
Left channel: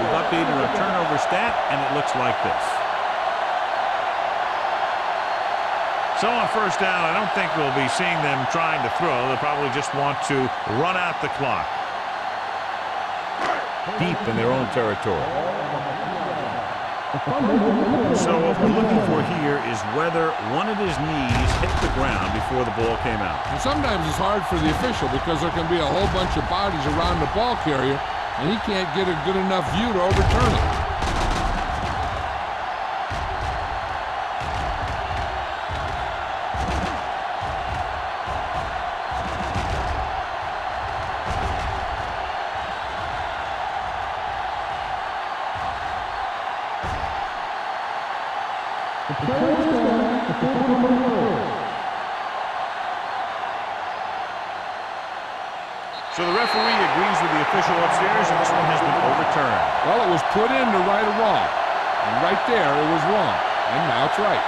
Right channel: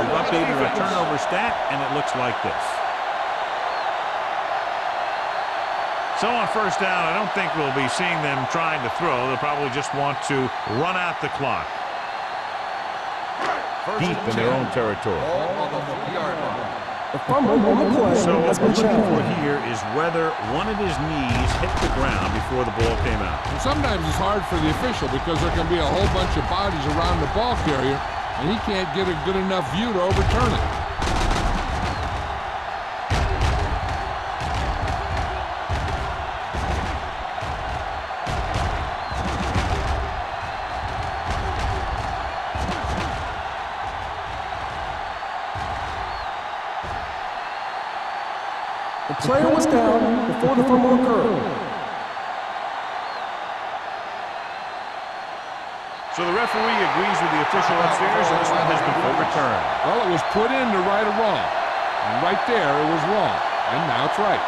We've updated our turnover stat, and it looks like this. So on first down, I don't think we'll be seeing them trying to throw. They'll probably just want to run out the clock. Deep in their own territory. So what we're looking for here is whether one of his knees hit the ground before the ball came out. And sometimes it's hard for the official because there can be a whole bunch of bodies around the ball carrier, and he can't get a good enough view to overturn it. The player was down before the fumble occurred. So the referee agrees with the official upstairs, and this one has been overturned. Well, it was put in to right a wrong. And right there, it was wrong. And now it's right.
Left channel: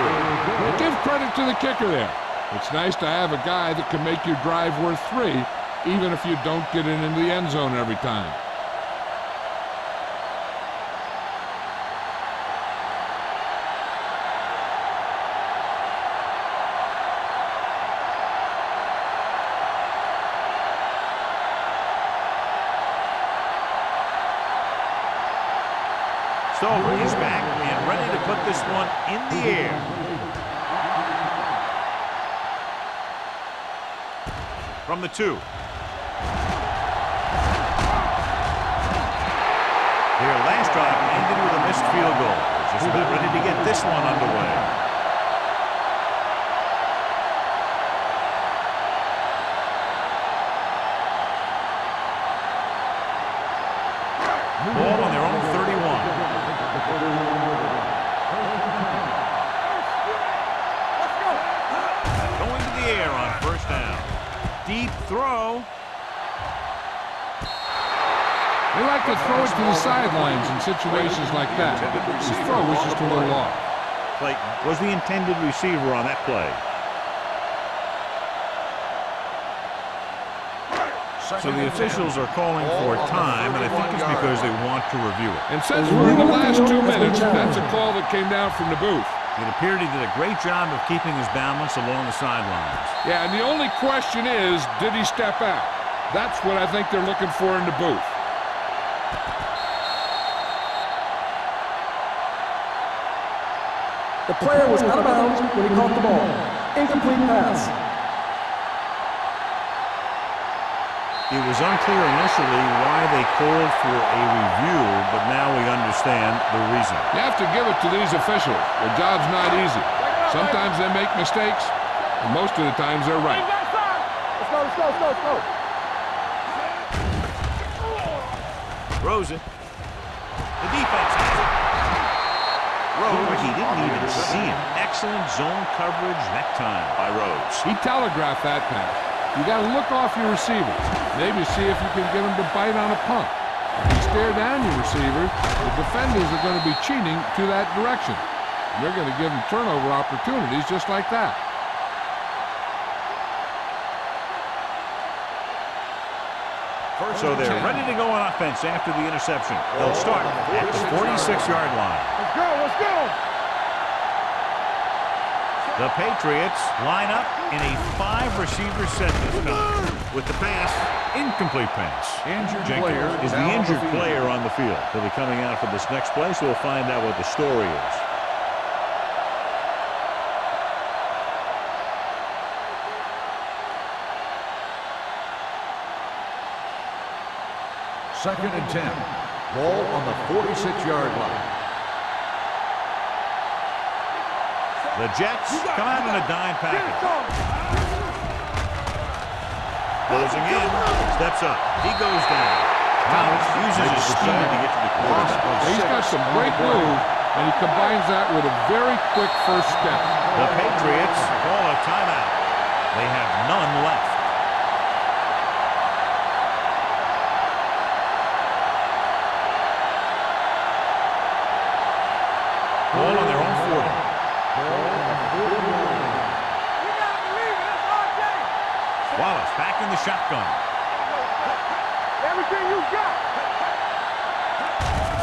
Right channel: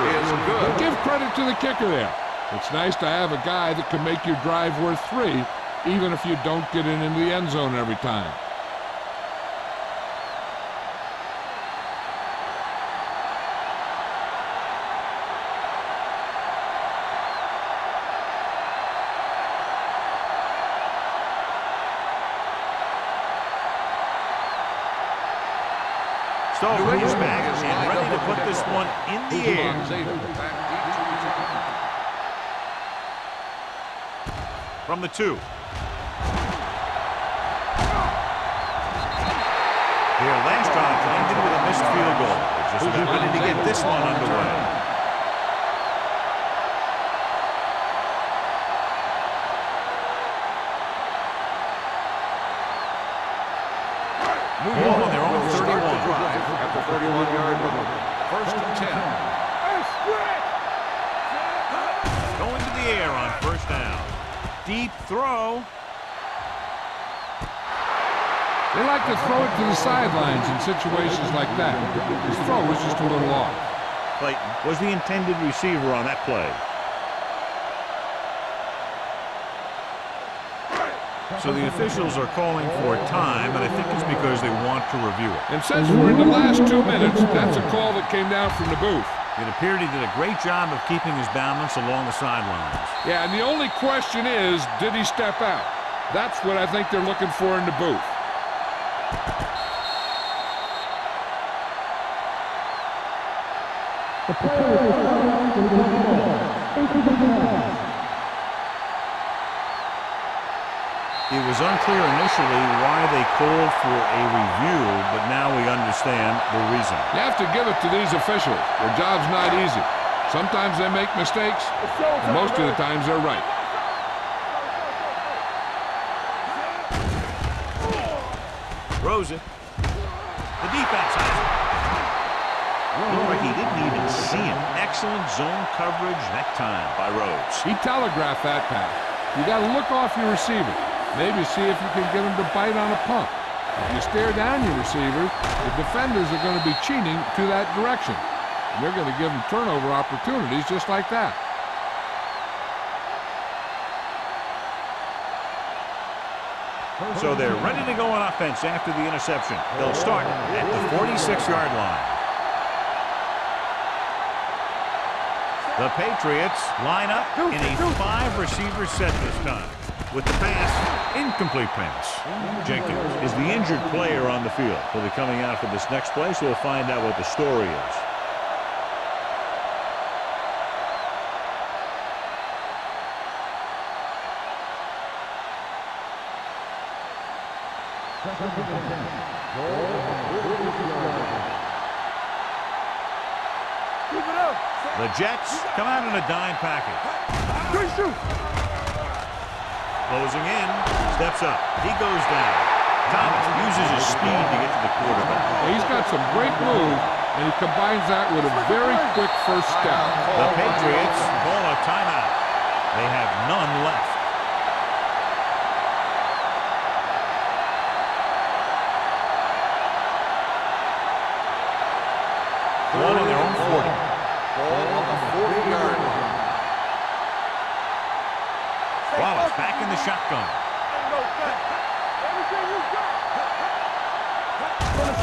And give credit to the kicker there. It's nice to have a guy that can make your drive worth 3, even if you don't get it into the end zone every time. Stover is back and ready to put this one in the air. From the 2. Their last drive ended with a missed field goal. They're just about ready to get this one underway. Ball on their own 31. At the 31-yard line. First and 10. Going to the air on first down. Deep throw. They like to throw it to the sidelines in situations like that. His throw was just a little off. Clayton was the intended receiver on that play. So the officials are calling for time, and I think it's because they want to review it. And since we're in the last 2 minutes, that's a call that came down from the booth. It appeared he did a great job of keeping his balance along the sidelines. Yeah, and the only question is, did he step out? That's what I think they're looking for in the booth. The player was out of bounds when he caught the ball. Incomplete pass. It was unclear initially why they called for a review, but now we understand the reason. You have to give it to these officials. Their job's not easy. Sometimes they make mistakes, and most of the times they're right. Let's go. Throws it. The defense has it. Looked like he didn't even see him. Excellent zone coverage that time by Rhodes. He telegraphed that pass. You got to look off your receivers. Maybe see if you can get them to bite on a pump. If you stare down your receivers, the defenders are going to be cheating to that direction. And they're going to give them turnover opportunities just like that. So they're ready to go on offense after the interception. They'll start at the 46-yard line. Let's go. The Patriots line up in a 5-receiver set this time. With the pass, incomplete pass. Jenkins is the injured player on the field. He'll be coming out for this next play, so we'll find out what the story is. Second and 10. Ball on the 46-yard line. The Jets come out in a dime package. Closing in, steps up. He goes down. Thomas uses his speed to get to the quarterback. Well, he's got some great move, and he combines that with a very quick first step. The Patriots call a timeout. They have none left. Ball on their own 40. Ball on the 40-yard line. Wallace back in the shotgun. Everything you got.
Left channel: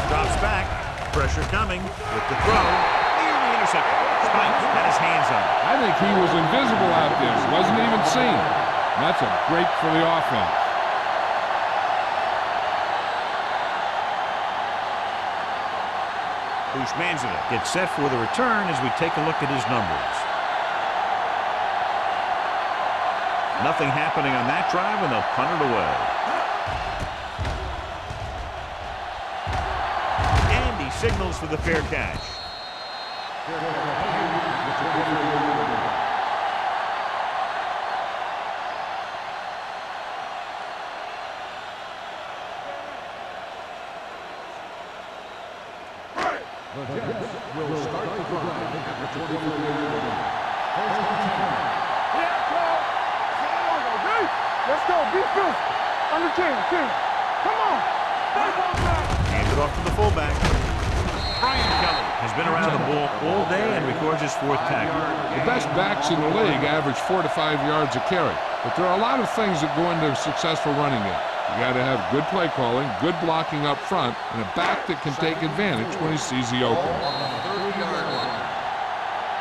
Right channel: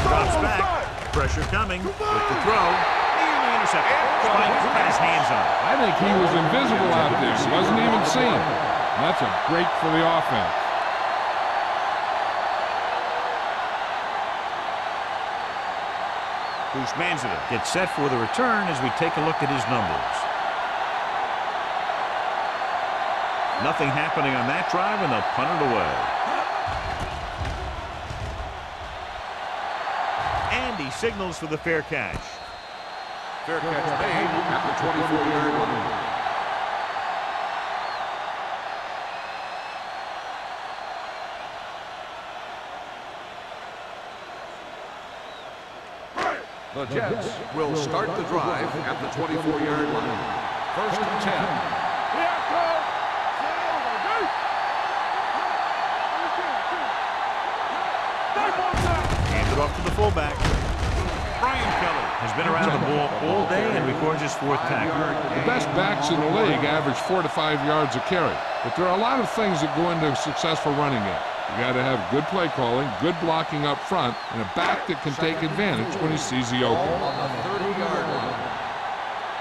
Drops back. Pressure coming with the throw. Nearly intercepted. Spikes had his hands on it. I think he was invisible out there. Wasn't even seen. And that's a break for the offense. Bushmanzada gets set for the return as we take a look at his numbers. Nothing happening on that drive, and they'll punt it away. And he signals for the fair catch. Fair catch made at the 24-yard line. The Jets will start the drive at the 24-yard line. First and 10. Yeah, Cole. Let's go, defense. Understand, team. Come on. Stay on time. Hands it off to the fullback. Brian Kelly has been around the ball all day and records his 4th tackle. The best backs in the league average 4 to 5 yards a carry. But there are a lot of things that go into a successful running game. You got to have good play calling, good blocking up front, and a back that can take advantage when he sees the opening. On the 30-yard line.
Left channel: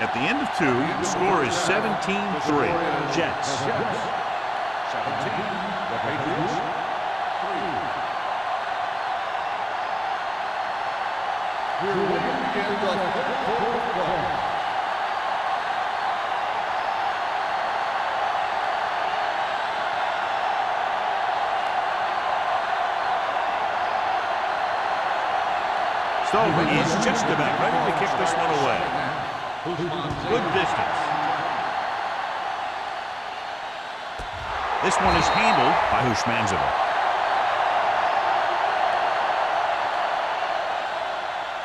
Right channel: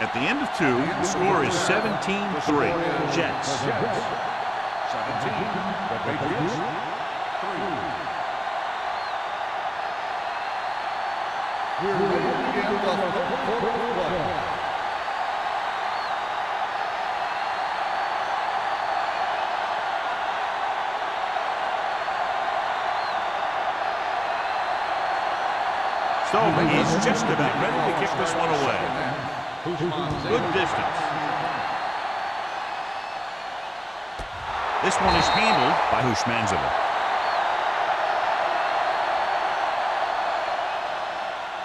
At the end of 2, the score is 17-3. Jets. The Jets, 17. The Patriots, 3. We're ready to begin the third quarter of play. Stover is just about ready to kick this one away. Good distance. This one is handled by Hushmanzova.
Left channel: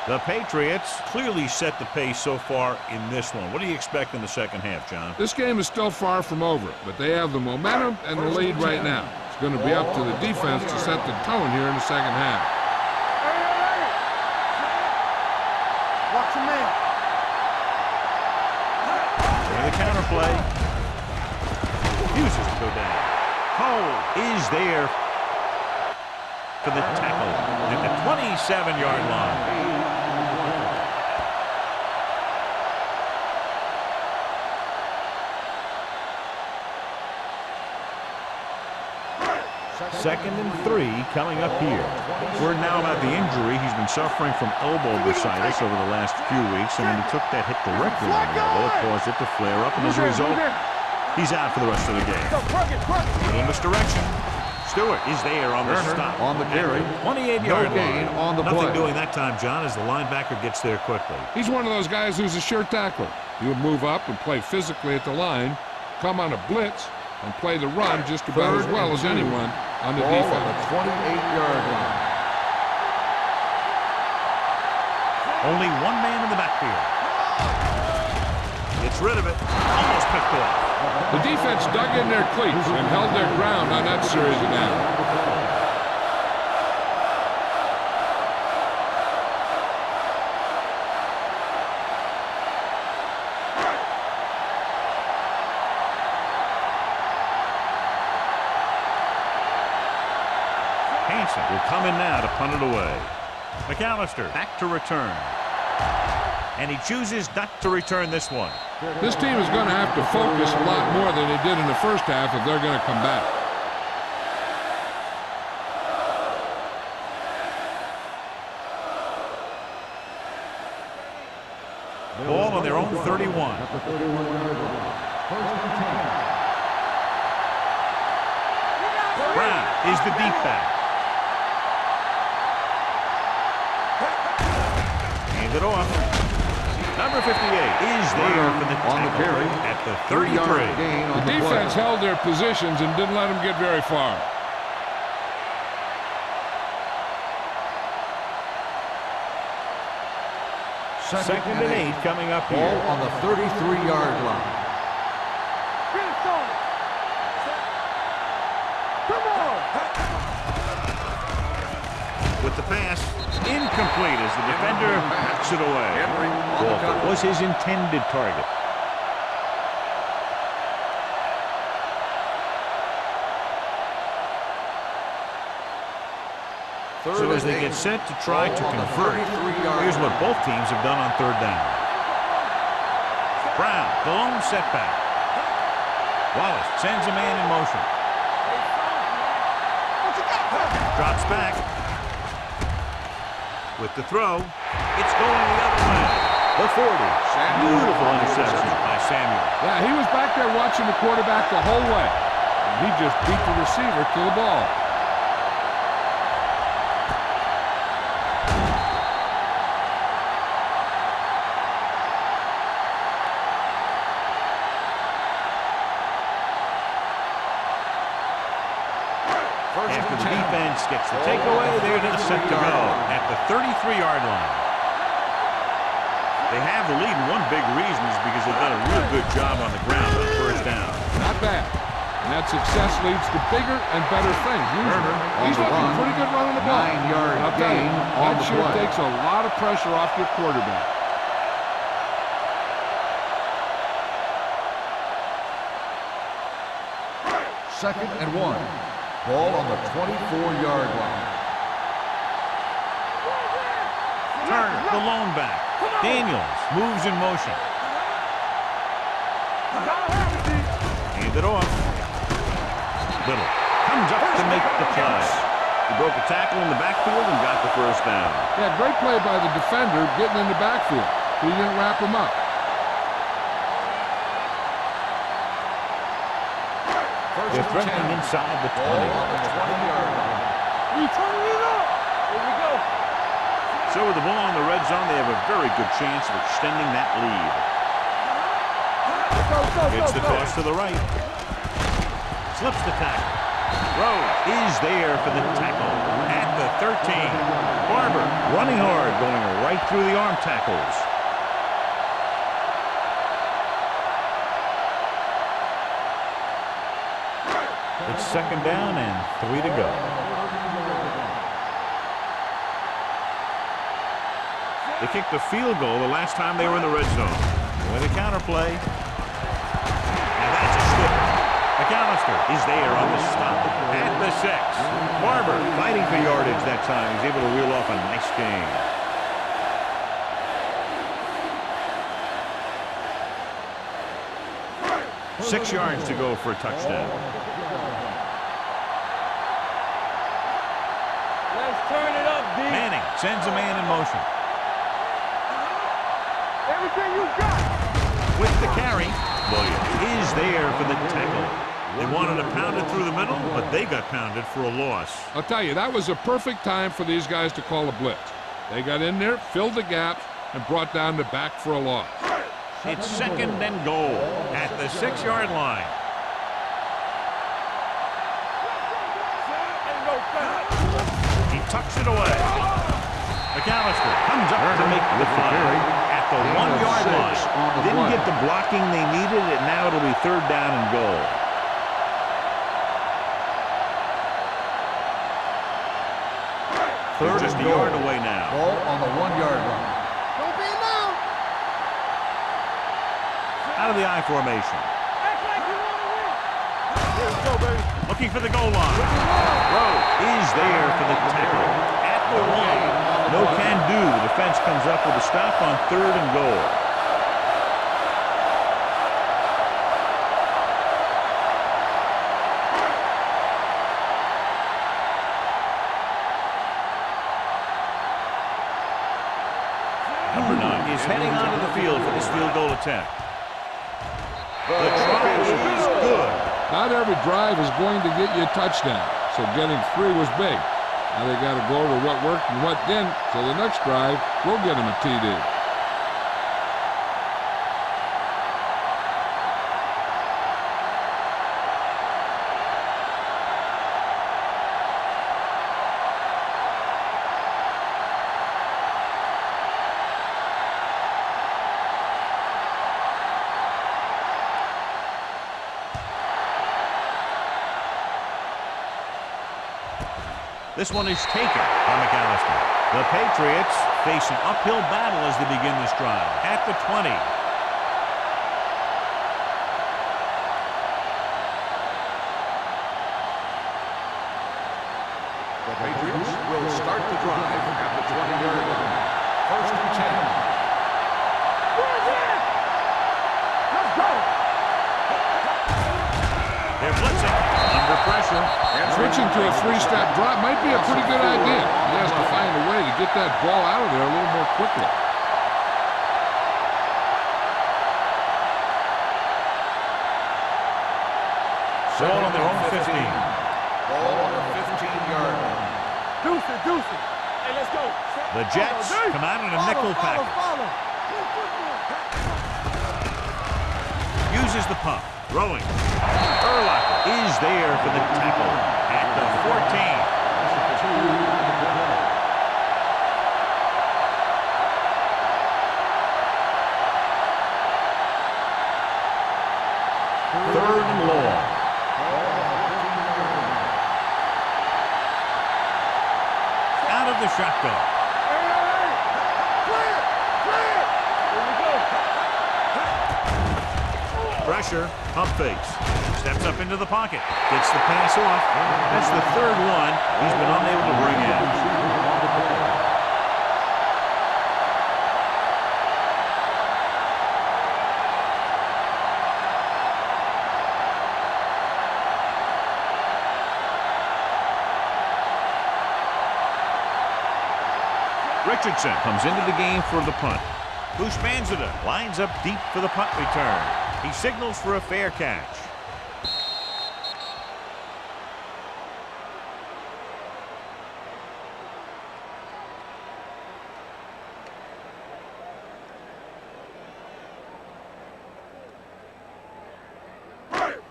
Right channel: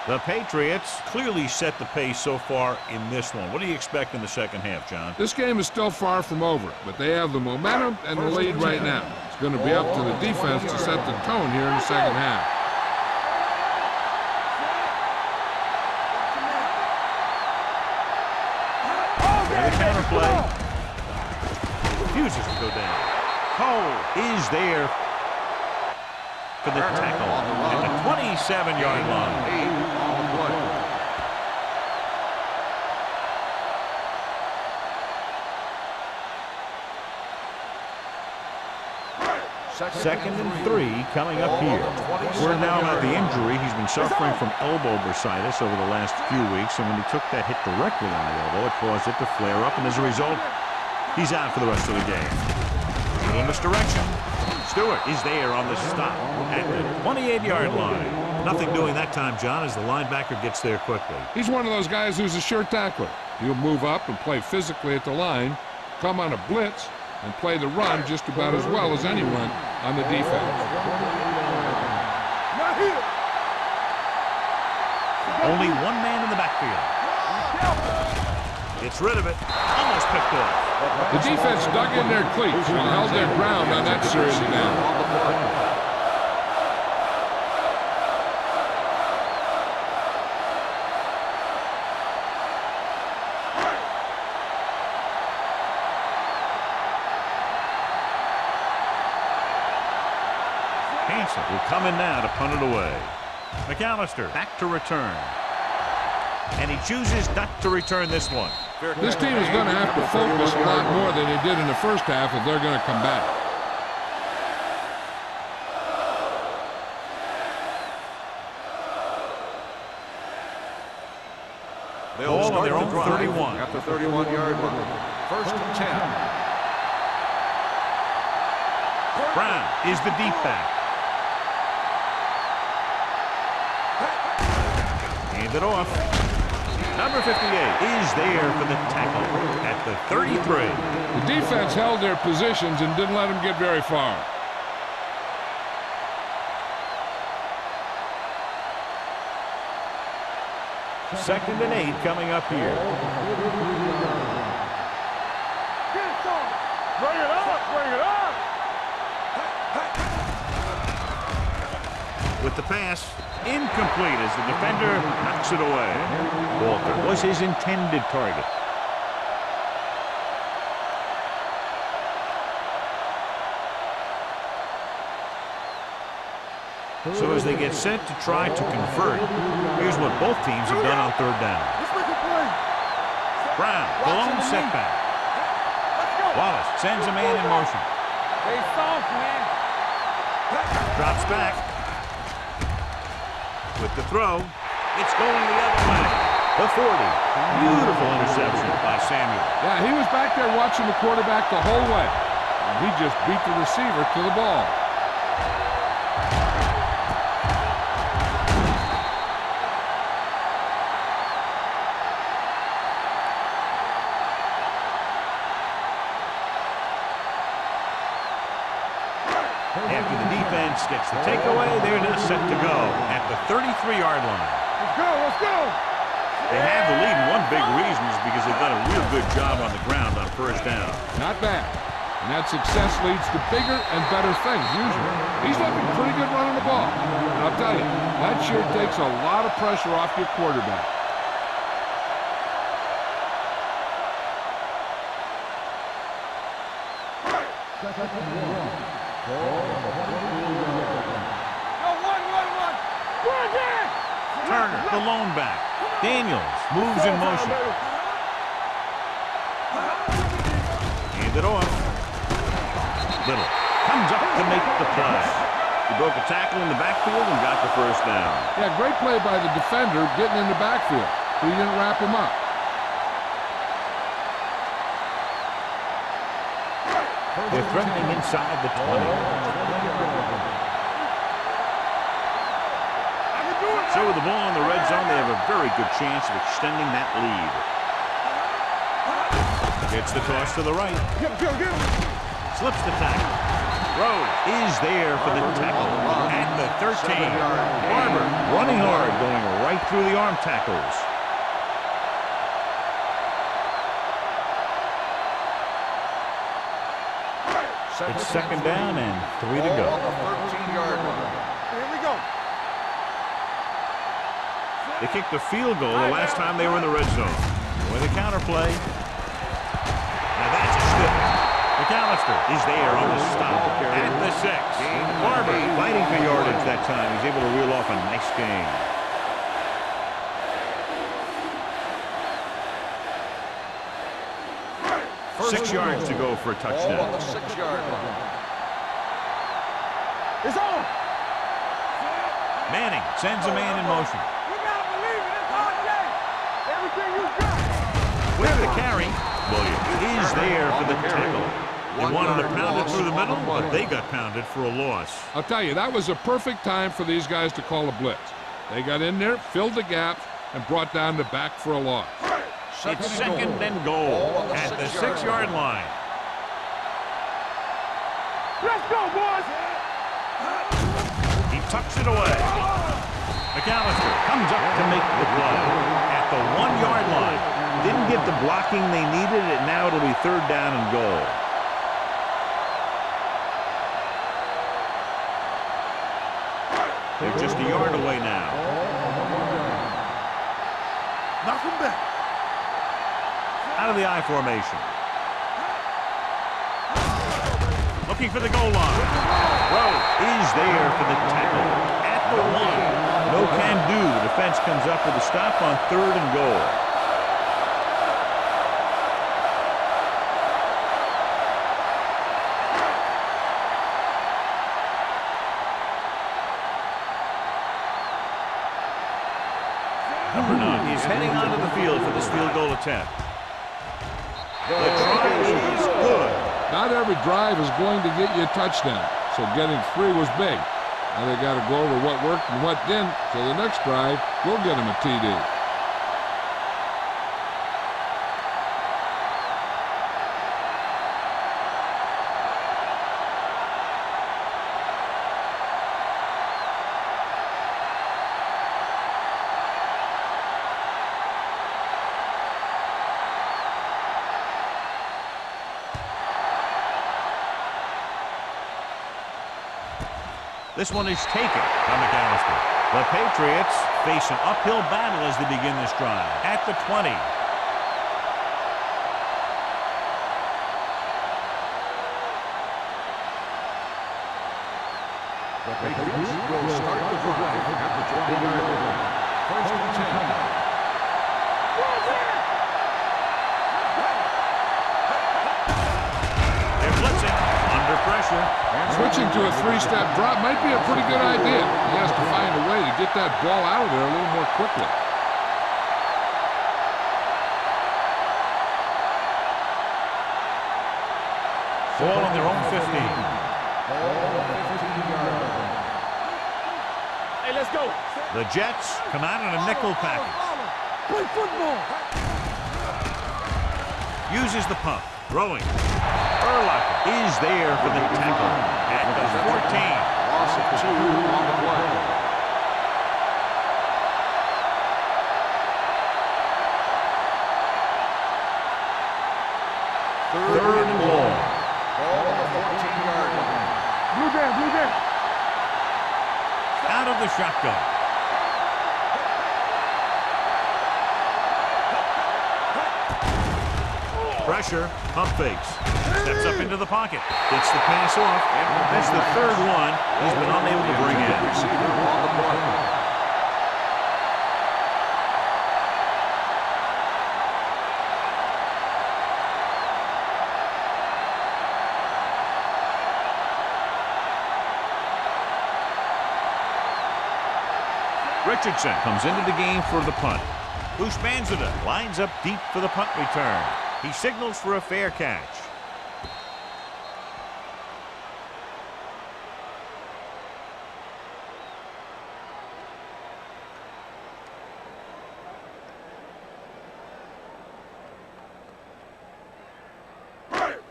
The Patriots clearly set the pace so far in this one. What do you expect in the second half, John? This game is still far from over, but they have the momentum and the lead right now. It's going to be up to the defense to set the tone here in the second half. Watch your man. There's the counter play. Refuses to go down. Cole is there for the tackle at the 27-yard line. 8 on the play. Second and 3 coming up here. Word now about the injury. He's been suffering from elbow bursitis over the last few weeks, and when he took that hit directly on the elbow, it caused it to flare up, and as a result, he's out for the rest of the game. Little misdirection. Stewart is there on the stop at the 28-yard line. Nothing doing that time, John, as the linebacker gets there quickly. He's one of those guys who's a sure tackler. He'll move up and play physically at the line, come on a blitz, and play the run just about as well as anyone on the defense. 28-yard line. Only one man in the backfield. Gets rid of it. Almost picked off. The defense dug in their cleats and held their ground on that series of downs. Hansen will come in now to punt it away. McAllister back to return. And he chooses not to return this one. This team is going to have to focus a lot more than they did in the first half if they're going to come back. Ball on their own 31. At the 31-yard line. First and 10. Brown is the deep back. Hand it off. Number 58 is there for the tackle at the 33. The defense held their positions and didn't let them get very far. Second and 8 coming up here. Ball on the 33-yard line. Get it, son. Bring it up. Bring it up. Come on. With the pass, incomplete as the defender knocks it away. Walter was his intended target. So as they get set to try to convert, here's what both teams have done on third down. Brown, the lone setback. Wallace sends a man in motion. Stay soft, man. Drops back. With the throw, it's going the other way. The 40. Beautiful interception by Samuel. Yeah, he was back there watching the quarterback the whole way. And he just beat the receiver to the ball. After the defense gets the takeaway, they're now set to go at the 33-yard line. They have the lead, and one big reason is because they've done a real good job on the ground on first down. Not bad. And that success leads to bigger and better things, usually. He's looking pretty good running the ball. And I'll tell you, that sure takes a lot of pressure off your quarterback. Second and 1. Ball on the 24-yard line. Turner, the lone back. Daniels moves in motion. Hand it off. Little comes up to make the play. He broke a tackle in the backfield and got the first down. Yeah, great play by the defender getting in the backfield, but he didn't wrap him up. They're threatening inside the 20. So with the ball in the red zone, they have a very good chance of extending that lead. Gets the toss to the right. Slips the tackle. Rhodes is there for the tackle at the 13. Barber running hard, going right through the arm tackles. It's second down and 3 to go. They kicked a field goal the last time they were in the red zone. With a counterplay. Now that's a stiff. McAllister is there on the stop at the 6. Barber fighting for yardage that time. He's able to reel off a nice gain. Six yards to go for a touchdown. Manning sends a man in motion. Everything you got. With the carry, Williams is there for the tackle. They wanted to pound it through the middle, but they got pounded for a loss. I'll tell you, that was a perfect time for these guys to call a blitz. They got in there, filled the gaps, and brought down the back for a loss. It's second and goal at the 6-yard line. Let's go, boys. He tucks it away. McAllister comes up to make the play at the 1-yard line. Didn't get the blocking they needed, and now it'll be third down and goal. They're just a yard away now. Ball on the 1-yard line. Knock him back. Out of the I formation. Looking for the goal line. Rhodes is there for the tackle at the 1. No can do. The defense comes up with a stop on third and goal. Number 9 is heading onto the field for this field goal attempt. The try is good. Not every drive is going to get you a touchdown, so getting 3 was big. Now they got to go over what worked and what didn't, so the next drive will get them a TD. This one is taken by McAllister. The Patriots face an uphill battle as they begin this drive at the 20. The Patriots will start the drive at the 20-yard line. First and 10. Where's it? Let's go. They're blitzing under pressure. Switching to a 3-step drop might be a pretty good idea. He has to find a way to get that ball out of there a little more quickly. Ball on their own 15. Ball on the 15-yard line. Deuce it. Hey, let's go. The Jets come out in a nickel package. Play football. Uses the pump. Throwing. Urlacher is there for the tackle at the 14. Loss of 2 on the play. Third and long. Ball on the 14-yard line. Blue game. Out of the shotgun. Pressure, pump fakes. Steps up into the pocket. Gets the pass off. That's the third one he's been unable to bring in. Richardson comes into the game for the punt. Bushmanzada lines up deep for the punt return. He signals for a fair catch.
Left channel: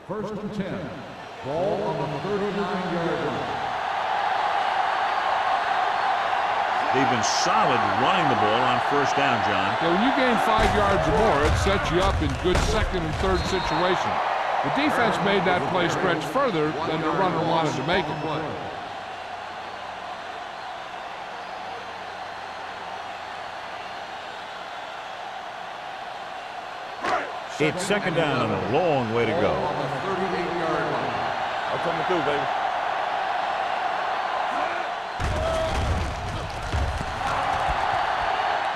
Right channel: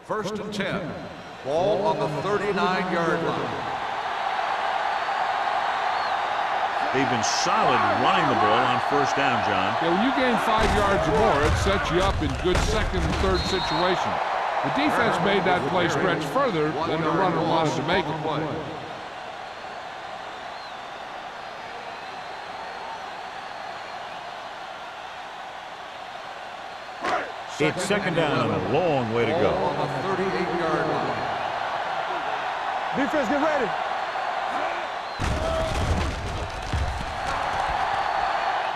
First and 10. Ball on the 39-yard line. They've been solid running the ball on first down, John. Yeah, when you gain 5 yards or more, it sets you up in good second and third situations. The defense made that play stretch further than the runner wanted to make it. It's second down and a long way to go. On the 38-yard line. That's what I'm gonna do, baby. Defense, get ready.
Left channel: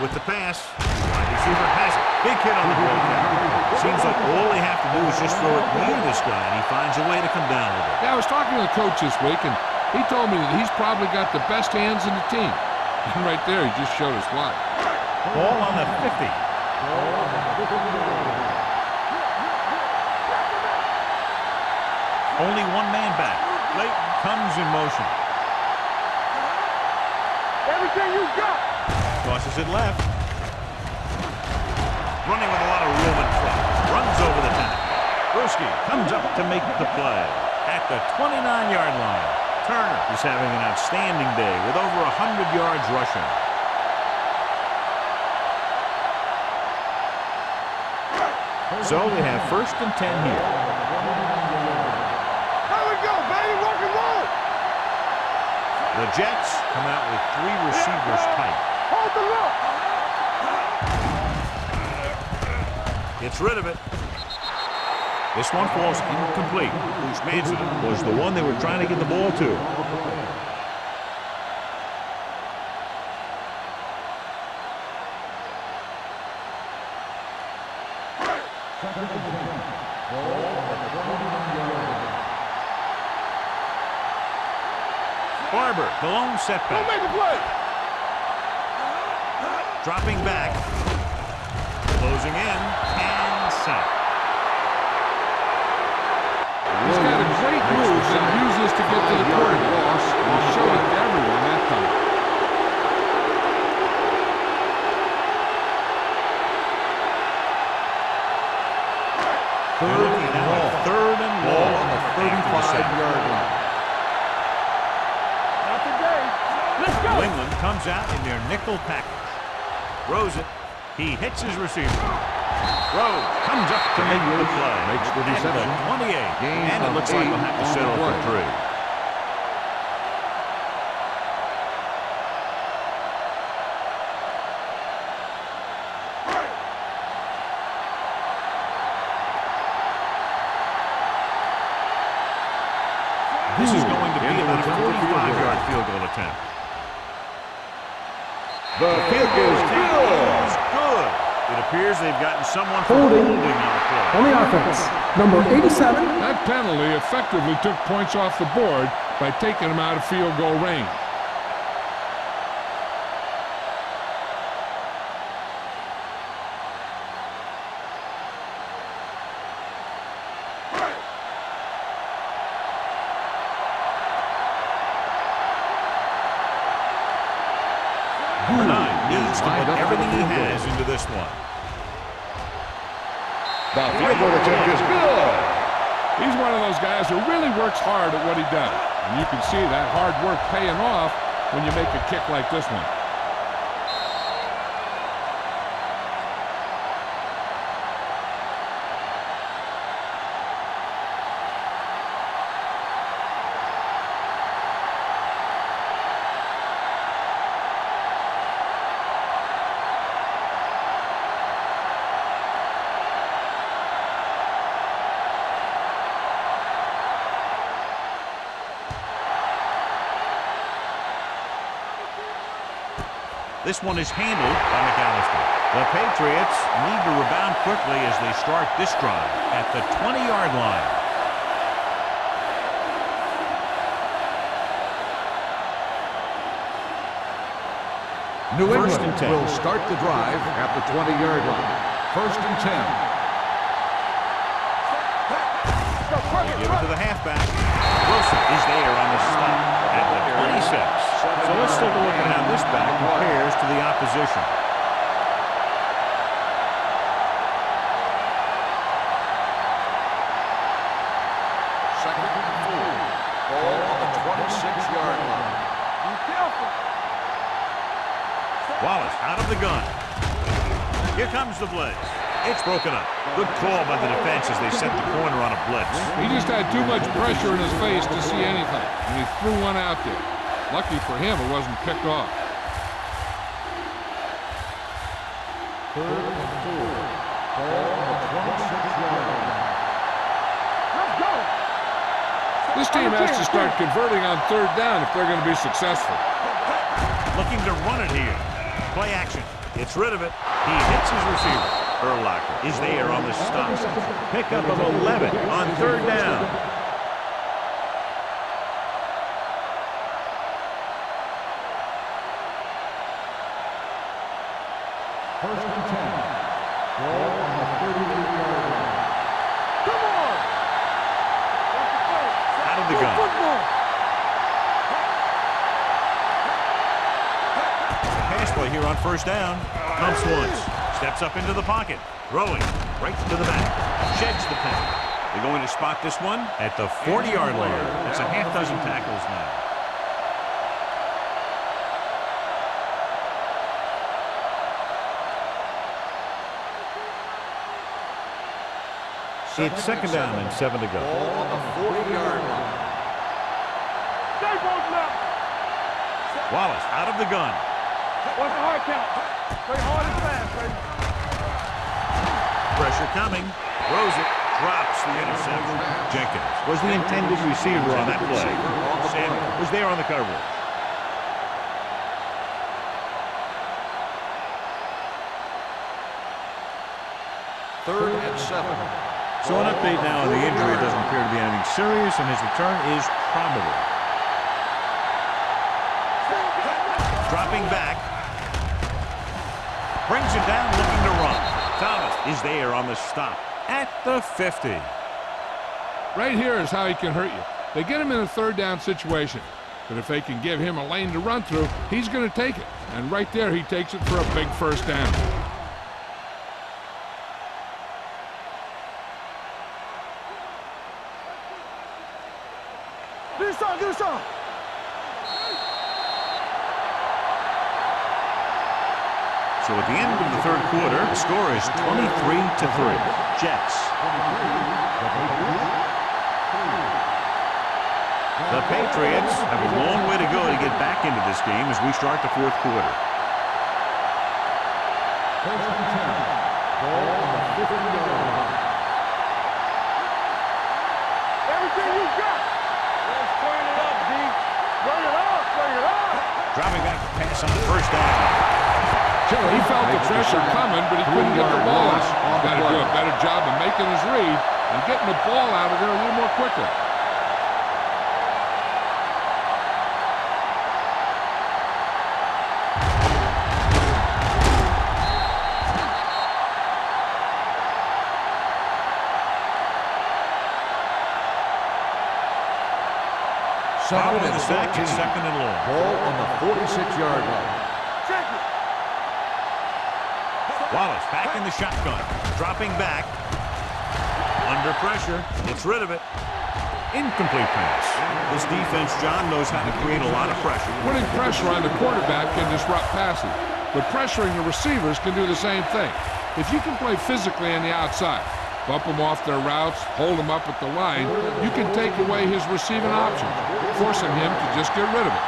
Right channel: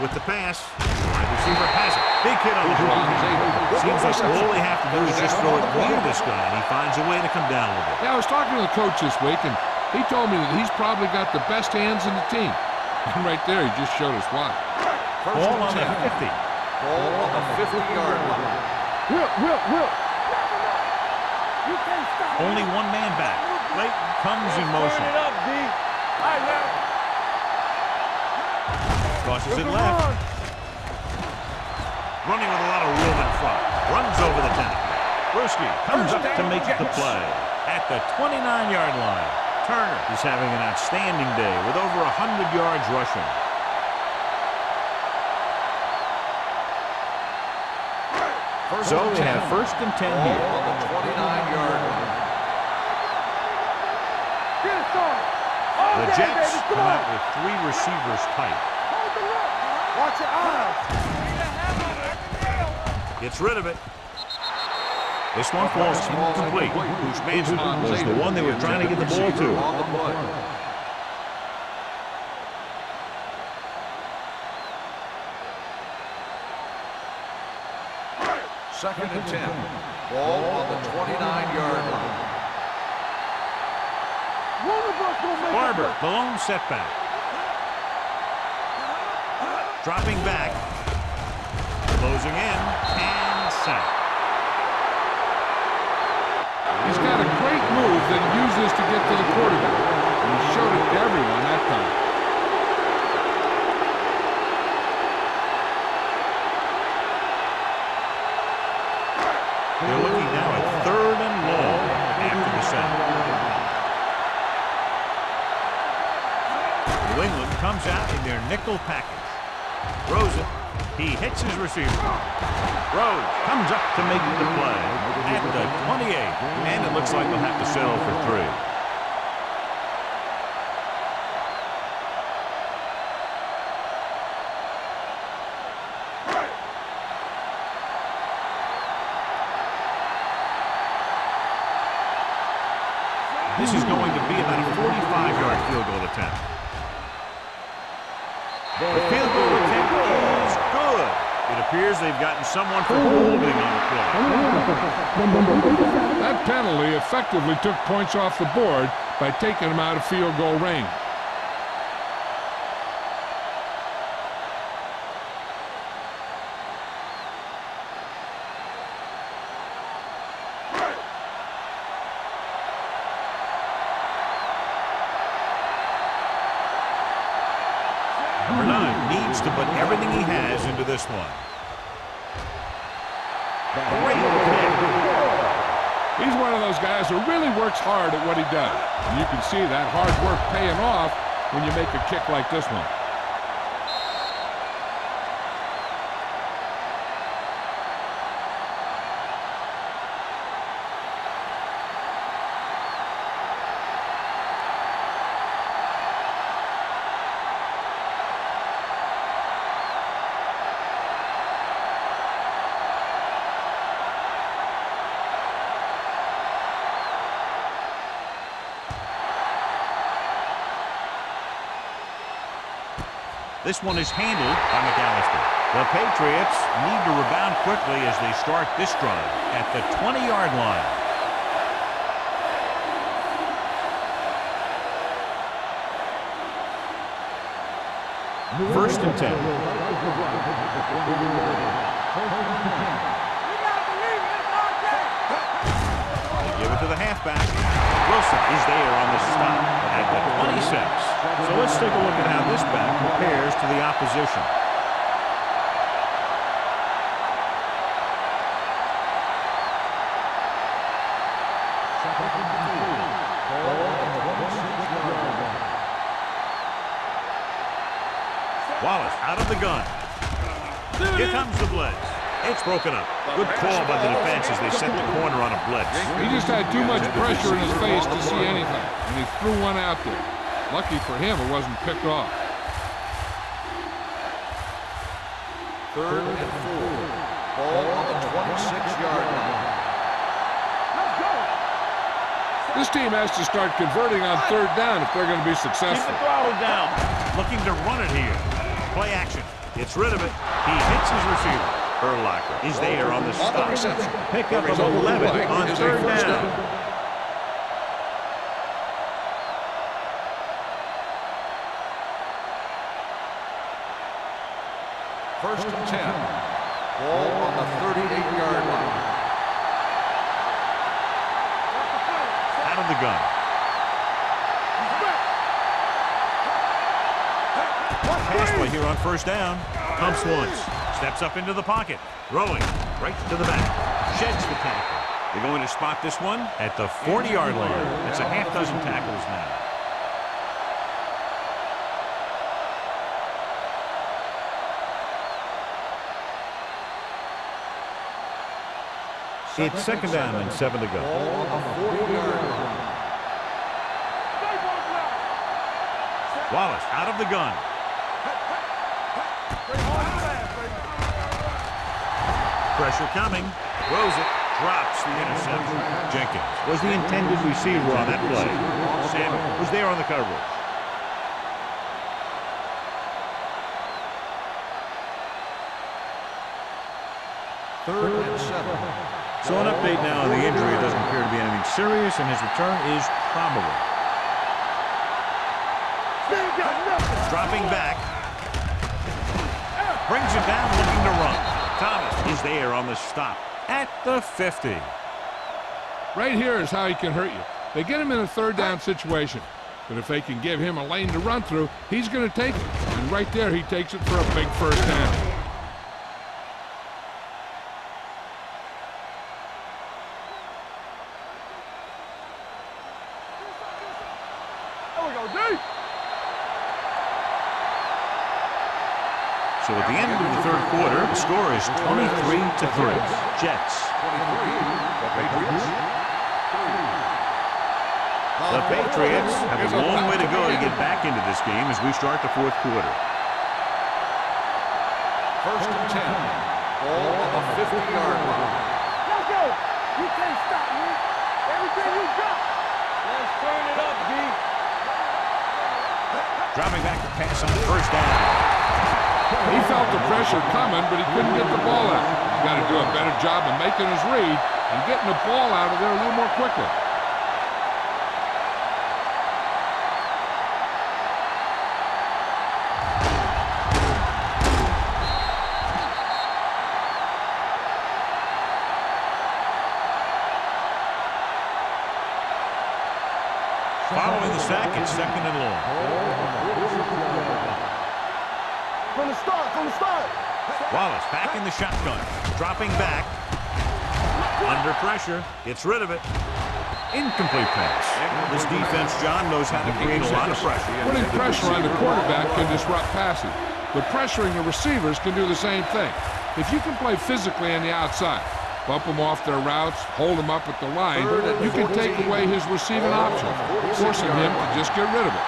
With the pass, wide receiver has it. Big hit on the ball carrier. Seems like all they have to do is just throw it near this guy, and he finds a way to come down with it. Yeah, I was talking to the coach this week, and he told me that he's probably got the best hands in the team. And right there, he just showed us why. Ball on the 50. Ball on the 50-yard line. Whip. Knock him out. You can't stop. Only one man back. Clayton comes in motion. Turn it up, D. I have everything you got. Tosses it left. Running with a lot of room in front. Runs over the tackle. Bruschi comes up to make the play. At the 29-yard line, Turner is having an outstanding day with over 100 yards rushing. So they have first and 10 here. On the 29-yard line. There we go, baby. Rock and roll. Get it started. The Jets come out with 3 receivers tight. Hold the look. Watch it. Gets rid of it. This one falls incomplete. Bushmanzada was the one they were trying to get the ball to. On the play. Second and 10. Ball on the 29-yard line. Barber, the lone setback. Dropping back. Closing in. And sack. He's got a great move that he uses to get to the quarterback. And he showed it to everyone that time. They're looking now at third and long after the sack. New England comes out in their nickel package. Throws it. He hits his receiver. Rose comes up to make the play at the 28. And it looks like they'll have to settle for 3. This is going to be about a 45-yard field goal attempt. The field goal attempt is good. It appears they've gotten someone for holding on the play. On the offense, number 87. That penalty effectively took points off the board by taking him out of field goal range. Number 9 needs to put everything he has into this one. Great kick. He's one of those guys who really works hard at what he does. And you can see that hard work paying off when you make a kick like this one. This one is handled by McAllister. The Patriots need to rebound quickly as they start this drive at the 20-yard line. New First England and 10. will start the drive at the 20-yard line. First and 10. They give it to the halfback. Wilson is there on the stop at the 26. So let's take a look at how this back compares to the opposition. Second and 4. Ball on the 26-yard line. Wallace out of the gun. Here comes the blitz. It's broken up. Good call by the defense as they set the corner on a blitz. He just had too much pressure in his face to see anything, and he threw one out there. Lucky for him, it wasn't picked off. Third and 4. Ball on the 26-yard line. Let's go. This team has to start converting on third down if they're going to be successful. Looking to run it here. Play action. Gets rid of it. He hits his receiver. Urlacher is there on the stop. Pickup of 11 on third down. First and 10. Ball on the 38-yard line. Come on. Watch the play. Out of the gun. Pass play here on first down. Pumps once. Steps up into the pocket. Throwing right to the back. Sheds the tackle. They're going to spot this one at the 40-yard line. That's a half dozen tackles now. It's second down and 7 to go. Ball on the 40-yard line. Stay both left. Wallace out of the gun. Watch the hard count. Stay hard and fast, baby. Pressure coming. Throws it. Drops the interception. Jenkins was the intended receiver on that play. Samuel was there on the coverage. Third and 7. So an update now on the injury. It doesn't appear to be anything serious, and his return is probable. Dropping back. Brings it down, looking to run. Thomas is there on the stop at the 50. Right here is how he can hurt you. They get him in a third down situation, but if they can give him a lane to run through, he's going to take it. And right there, he takes it for a big first down. Do some. So at the end of the third quarter, the score is 23-3. Jets. The Patriots have a long way to go to get back into this game as we start the fourth quarter. First and 10. Ball on the 50-yard line. Let's go. You can't stop me. Everything you got. Let's turn it up, D. Turn it up. Dropping back to pass on the first down. He felt the pressure coming, but he couldn't get the ball out. He's got to do a better job of making his read and getting the ball out of there a little more quickly. Following the sack, it's second and long. Ball on the 46-yard line. From the start. Wallace back in the shotgun. Dropping back. Under pressure. Gets rid of it. Incomplete pass. This defense, John, knows how to create a lot of pressure. Putting pressure on the quarterback can disrupt passing, but pressuring the receivers can do the same thing. If you can play physically on the outside, bump them off their routes, hold them up at the line, you can take away his receiving options, forcing him to just get rid of it.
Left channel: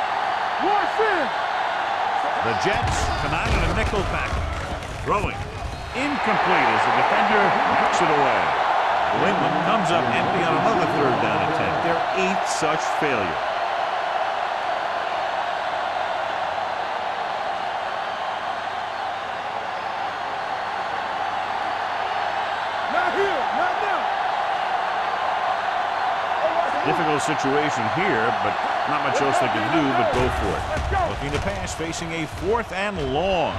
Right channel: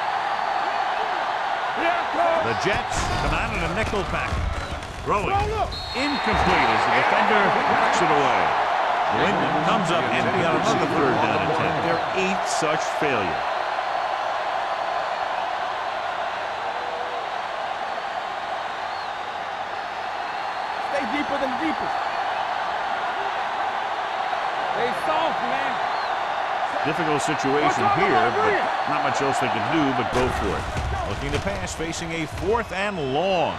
The Jets come out in a nickel package. Throwing. Incomplete as the defender knocks it away. New England comes up empty on another third down attempt. Their 8th such failure. Stay deeper than deeper. Not here. Not there. Stay soft, man. Difficult situation here, but not much else they can do but go for it. Looking to pass, facing a 4th and long.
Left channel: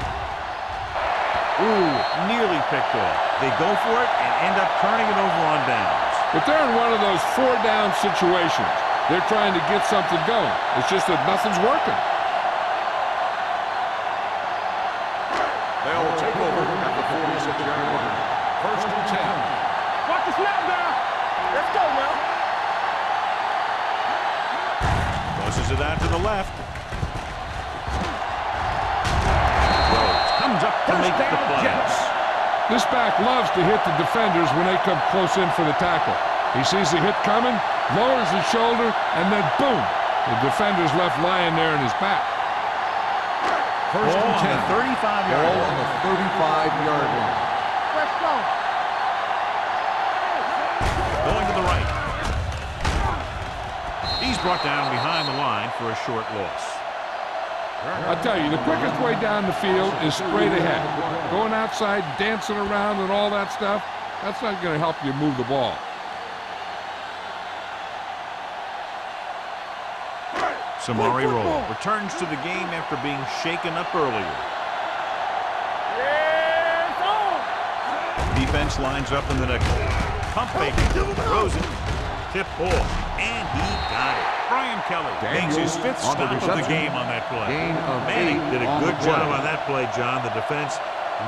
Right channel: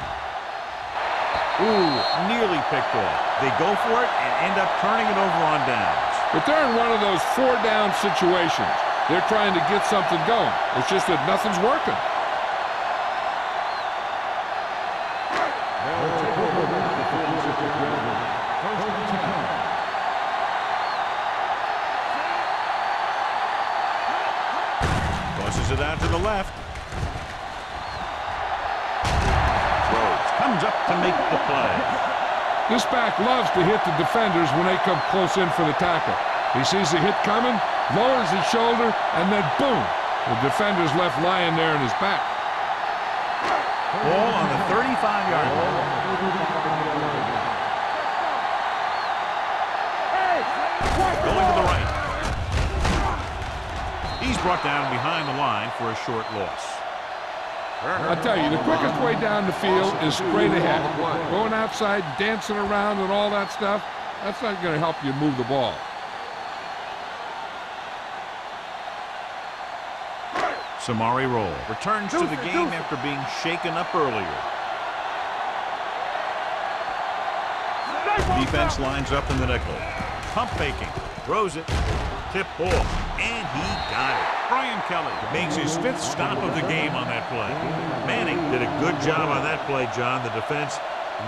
Ooh, nearly picked off. They go for it and end up turning it over on downs. But they're in one of those 4-down situations. They're trying to get something going. It's just that nothing's working. They'll take over at the 46-yard line. 1st and 10. Watch the snap now. Let's go, man. Tosses it out to the left. Rhodes comes up to make the plays. This back loves to hit the defenders when they come close in for the tackle. He sees the hit coming, lowers his shoulder, and then boom! The defender's left lying there in his back. Ball on the 35-yard line. 35-yard line. Fresh stone. Hey! Going to the right. He's brought down behind the line for a short loss. I tell you, the quickest way down the field is straight ahead. Going outside, dancing around and all that stuff, that's not going to help you move the ball. Samari Roll returns to the game after being shaken up earlier. Defense lines up in the nickel. Pump faking, throws it, tip ball, and he got it. Brian Kelly makes his 5th stop of the game on that play. Manning did a good job on that play, John. The defense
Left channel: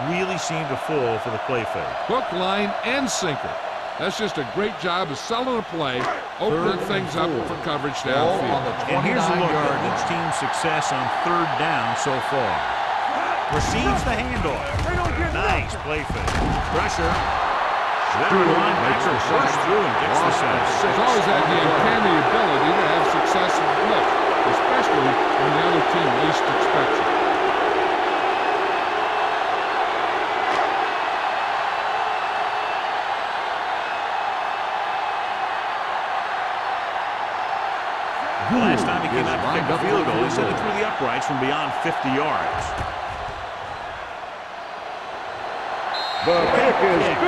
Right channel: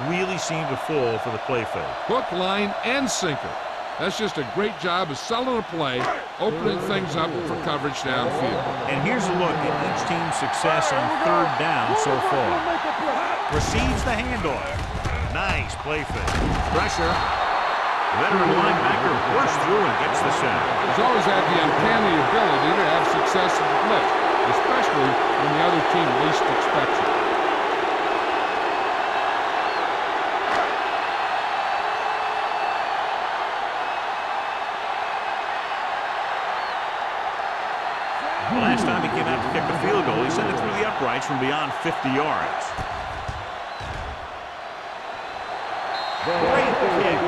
really seemed to fall for the play fake. Hook, line, and sinker. That's just a great job of selling a play, opening things up for coverage downfield. And here's a look at each team's success on 3rd down so far. Receives the handoff. Nice play fake. Pressure. Veteran linebacker bursts through and gets the sack. He's always had the uncanny ability to have success in the blitz, especially when the other team least expects it. The last time he came out to kick a field goal, he sent it through the uprights from beyond 50 yards. Great kick.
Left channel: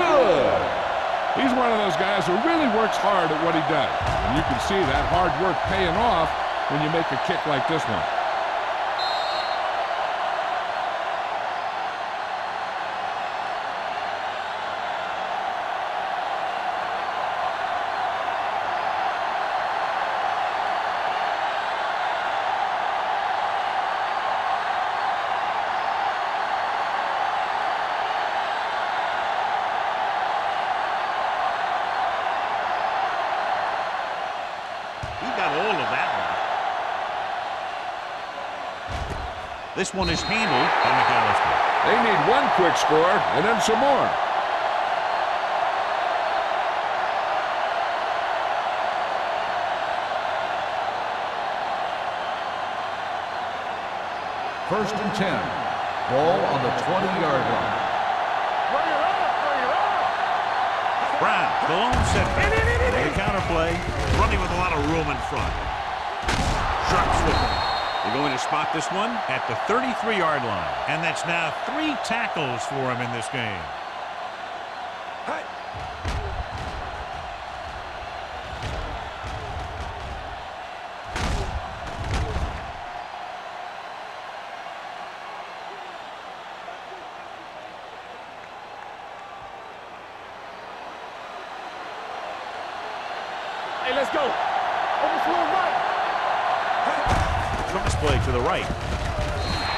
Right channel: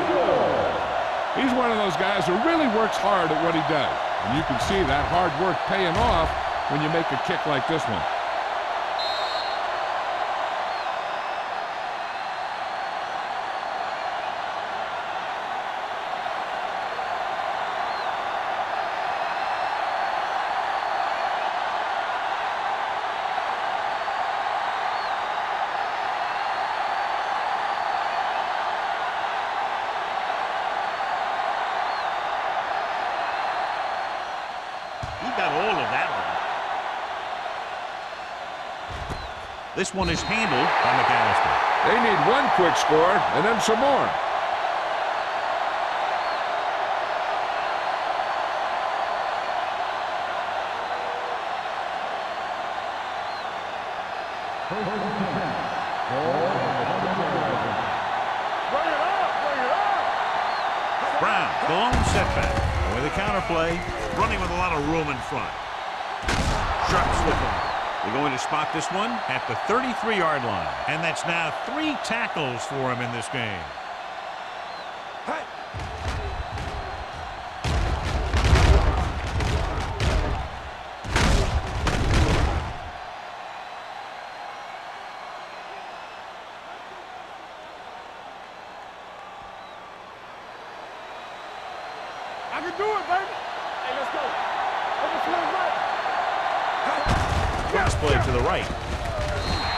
He's one of those guys who really works hard at what he does. And you can see that hard work paying off when you make a kick like this one. He got all of that one. This one is handled by McAllister. They need one quick score and then some more. First and 10. Ball on the 20-yard line. Bring it up! Bring it up! Brown, the lone setback. With a counter play, running with a lot of room in front. Sharp slipping. They're going to spot this one at the 33-yard line. And that's now 3 tackles for him in this game. Hey! I can do it, baby. Hey, let's go. Over to the right. Cross play to the right.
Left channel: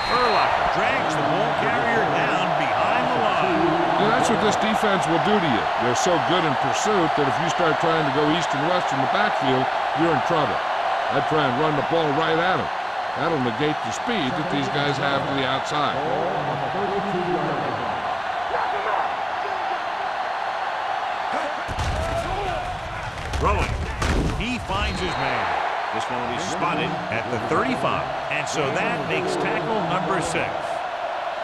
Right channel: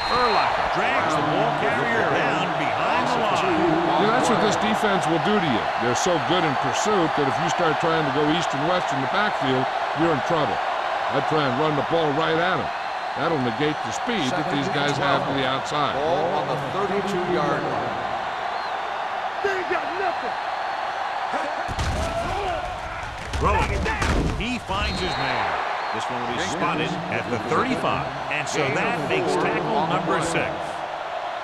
Urlacher drags the ball carrier down behind the line. Yeah, that's what this defense will do to you. They're so good in pursuit that if you start trying to go east and west in the backfield, you're in trouble. I'd try and run the ball right at them. That'll negate the speed that these guys have to the outside. Ball on the 32-yard line. Throwing. He finds his man. This one will be spotted at the 35. And so that makes tackle number 6.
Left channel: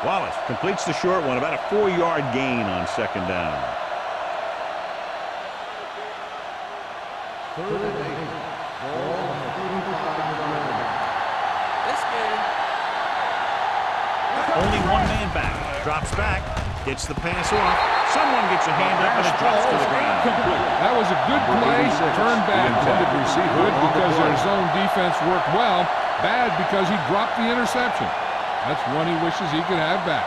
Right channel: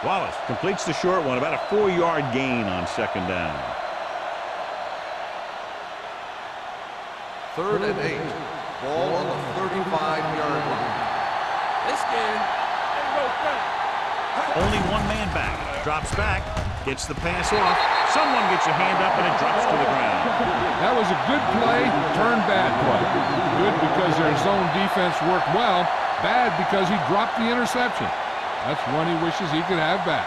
Wallace completes the short one, about a 4-yard gain on 2nd down. 3rd and 8. Ball on the 35-yard line. Let's get Only one man back. Drops back. Gets the pass off. Someone gets a hand up and it drops to the ground. That was a good play, turned bad play. Good because their zone defense worked well. Bad because he dropped the interception. That's one he wishes he could have back.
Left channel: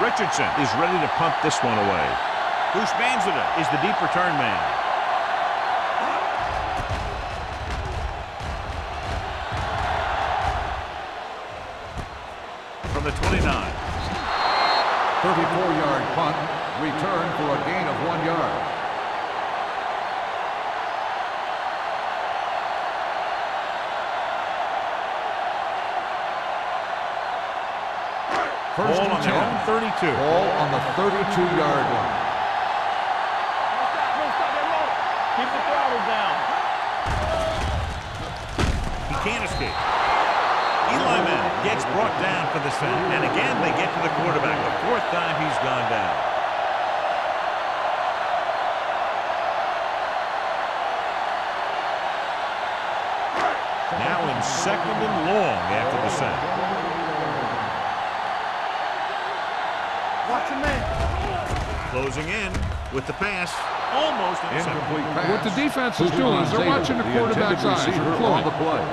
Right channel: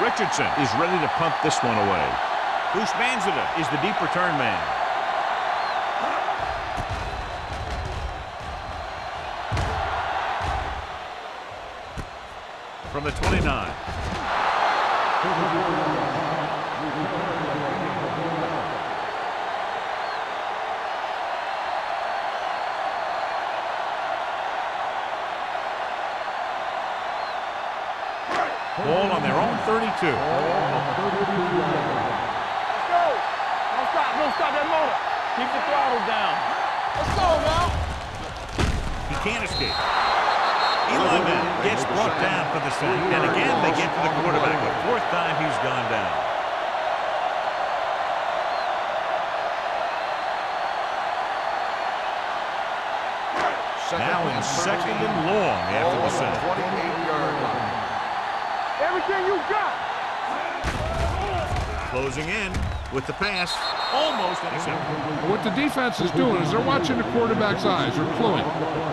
Richardson is ready to punt this one away. Bushmanzada is the deep return man. From the 29. 34-yard punt, return for a gain of 1 yard. Ball on their own 32. Ball on the 32-yard line. Don't stop that motor. Keep the throttle down. Let's go, man. He can't escape. Eli Manning gets brought down for the sack. And again, they get to the quarterback. The fourth time he's gone down. Now in second and long after the sack. 28-yard line. Everything you got. Closing in with the pass. Almost intercepted. What the defense is doing is they're watching the quarterback's eyes. They're cluing.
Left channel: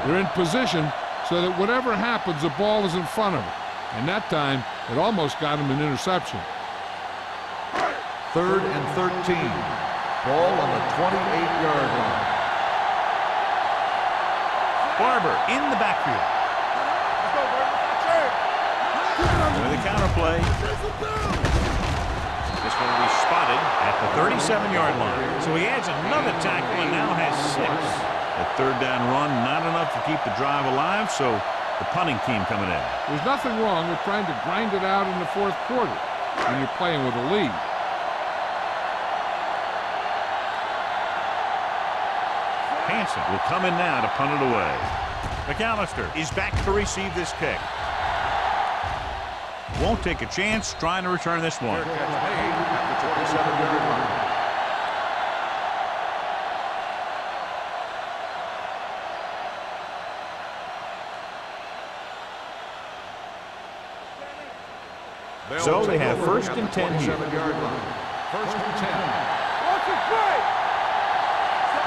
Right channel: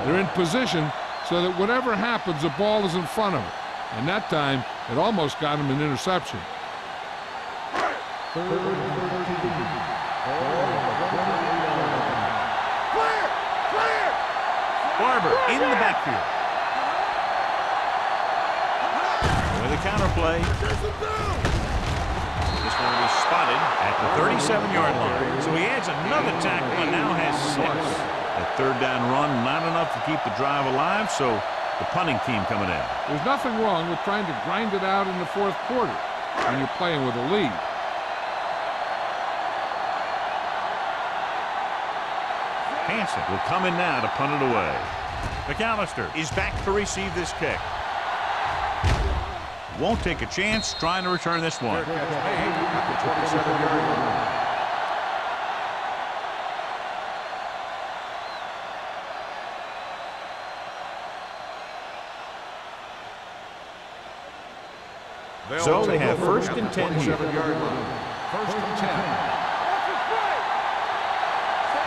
They're in position so that whatever happens, the ball is in front of him. And that time, it almost got him an interception. 3rd and 13. Ball on the 28-yard line. Barber in the backfield. With a counter play. This one will be spotted at the 37-yard line. So he adds another tackle and now has 6. That third down run, not enough to keep the drive alive, so the punting team coming in. There's nothing wrong with trying to grind it out in the fourth quarter when you're playing with a lead. Hansen will come in now to punt it away. McAllister is back to receive this kick. Won't take a chance trying to return this one. Fair catch made at the 27-yard line. So they have first and 10 here. 27-yard line. 1st and 10. Watch it play.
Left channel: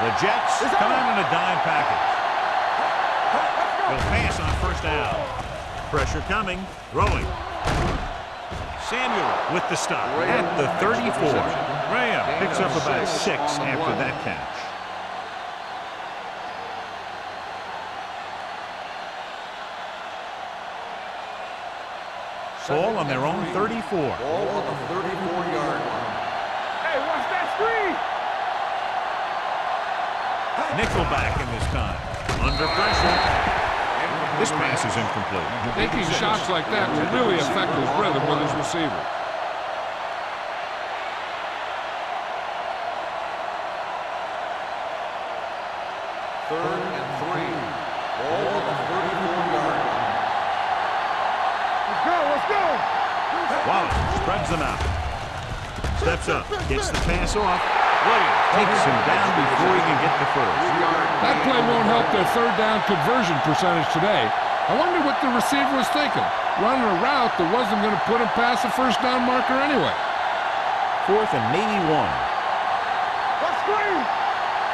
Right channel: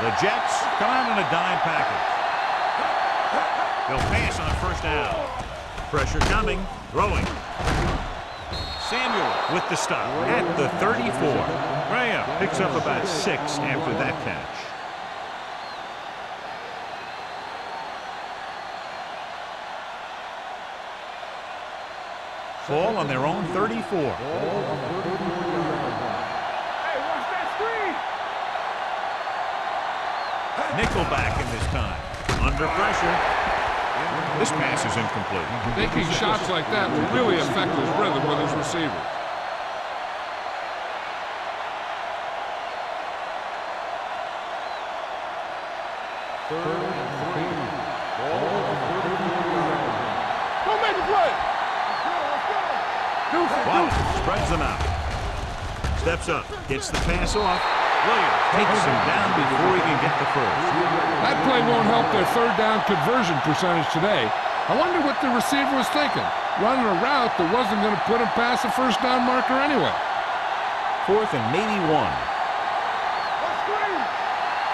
The Jets come out in a dime package. They'll pass on first down. Pressure coming, throwing. Samuel with the stop at the 34. Graham picks up about 6 after that catch. Ball on their own 34. Ball on the 34-yard line. Hey, watch that screen. Nickelback in this time. Under pressure. This pass is incomplete. Taking shots like that will really affect his rhythm with his receivers. Third and 3. Ball on the 34-yard line. Go make the play. Let's go. Let's go. Wallace spreads them out. Steps up. Gets the pass off. Williams takes him down before he can get the first. That play won't help their third down conversion percentage today. I wonder what the receiver was thinking. Running a route that wasn't going to put him past the first down marker anyway. 4th and maybe 1. Watch screen.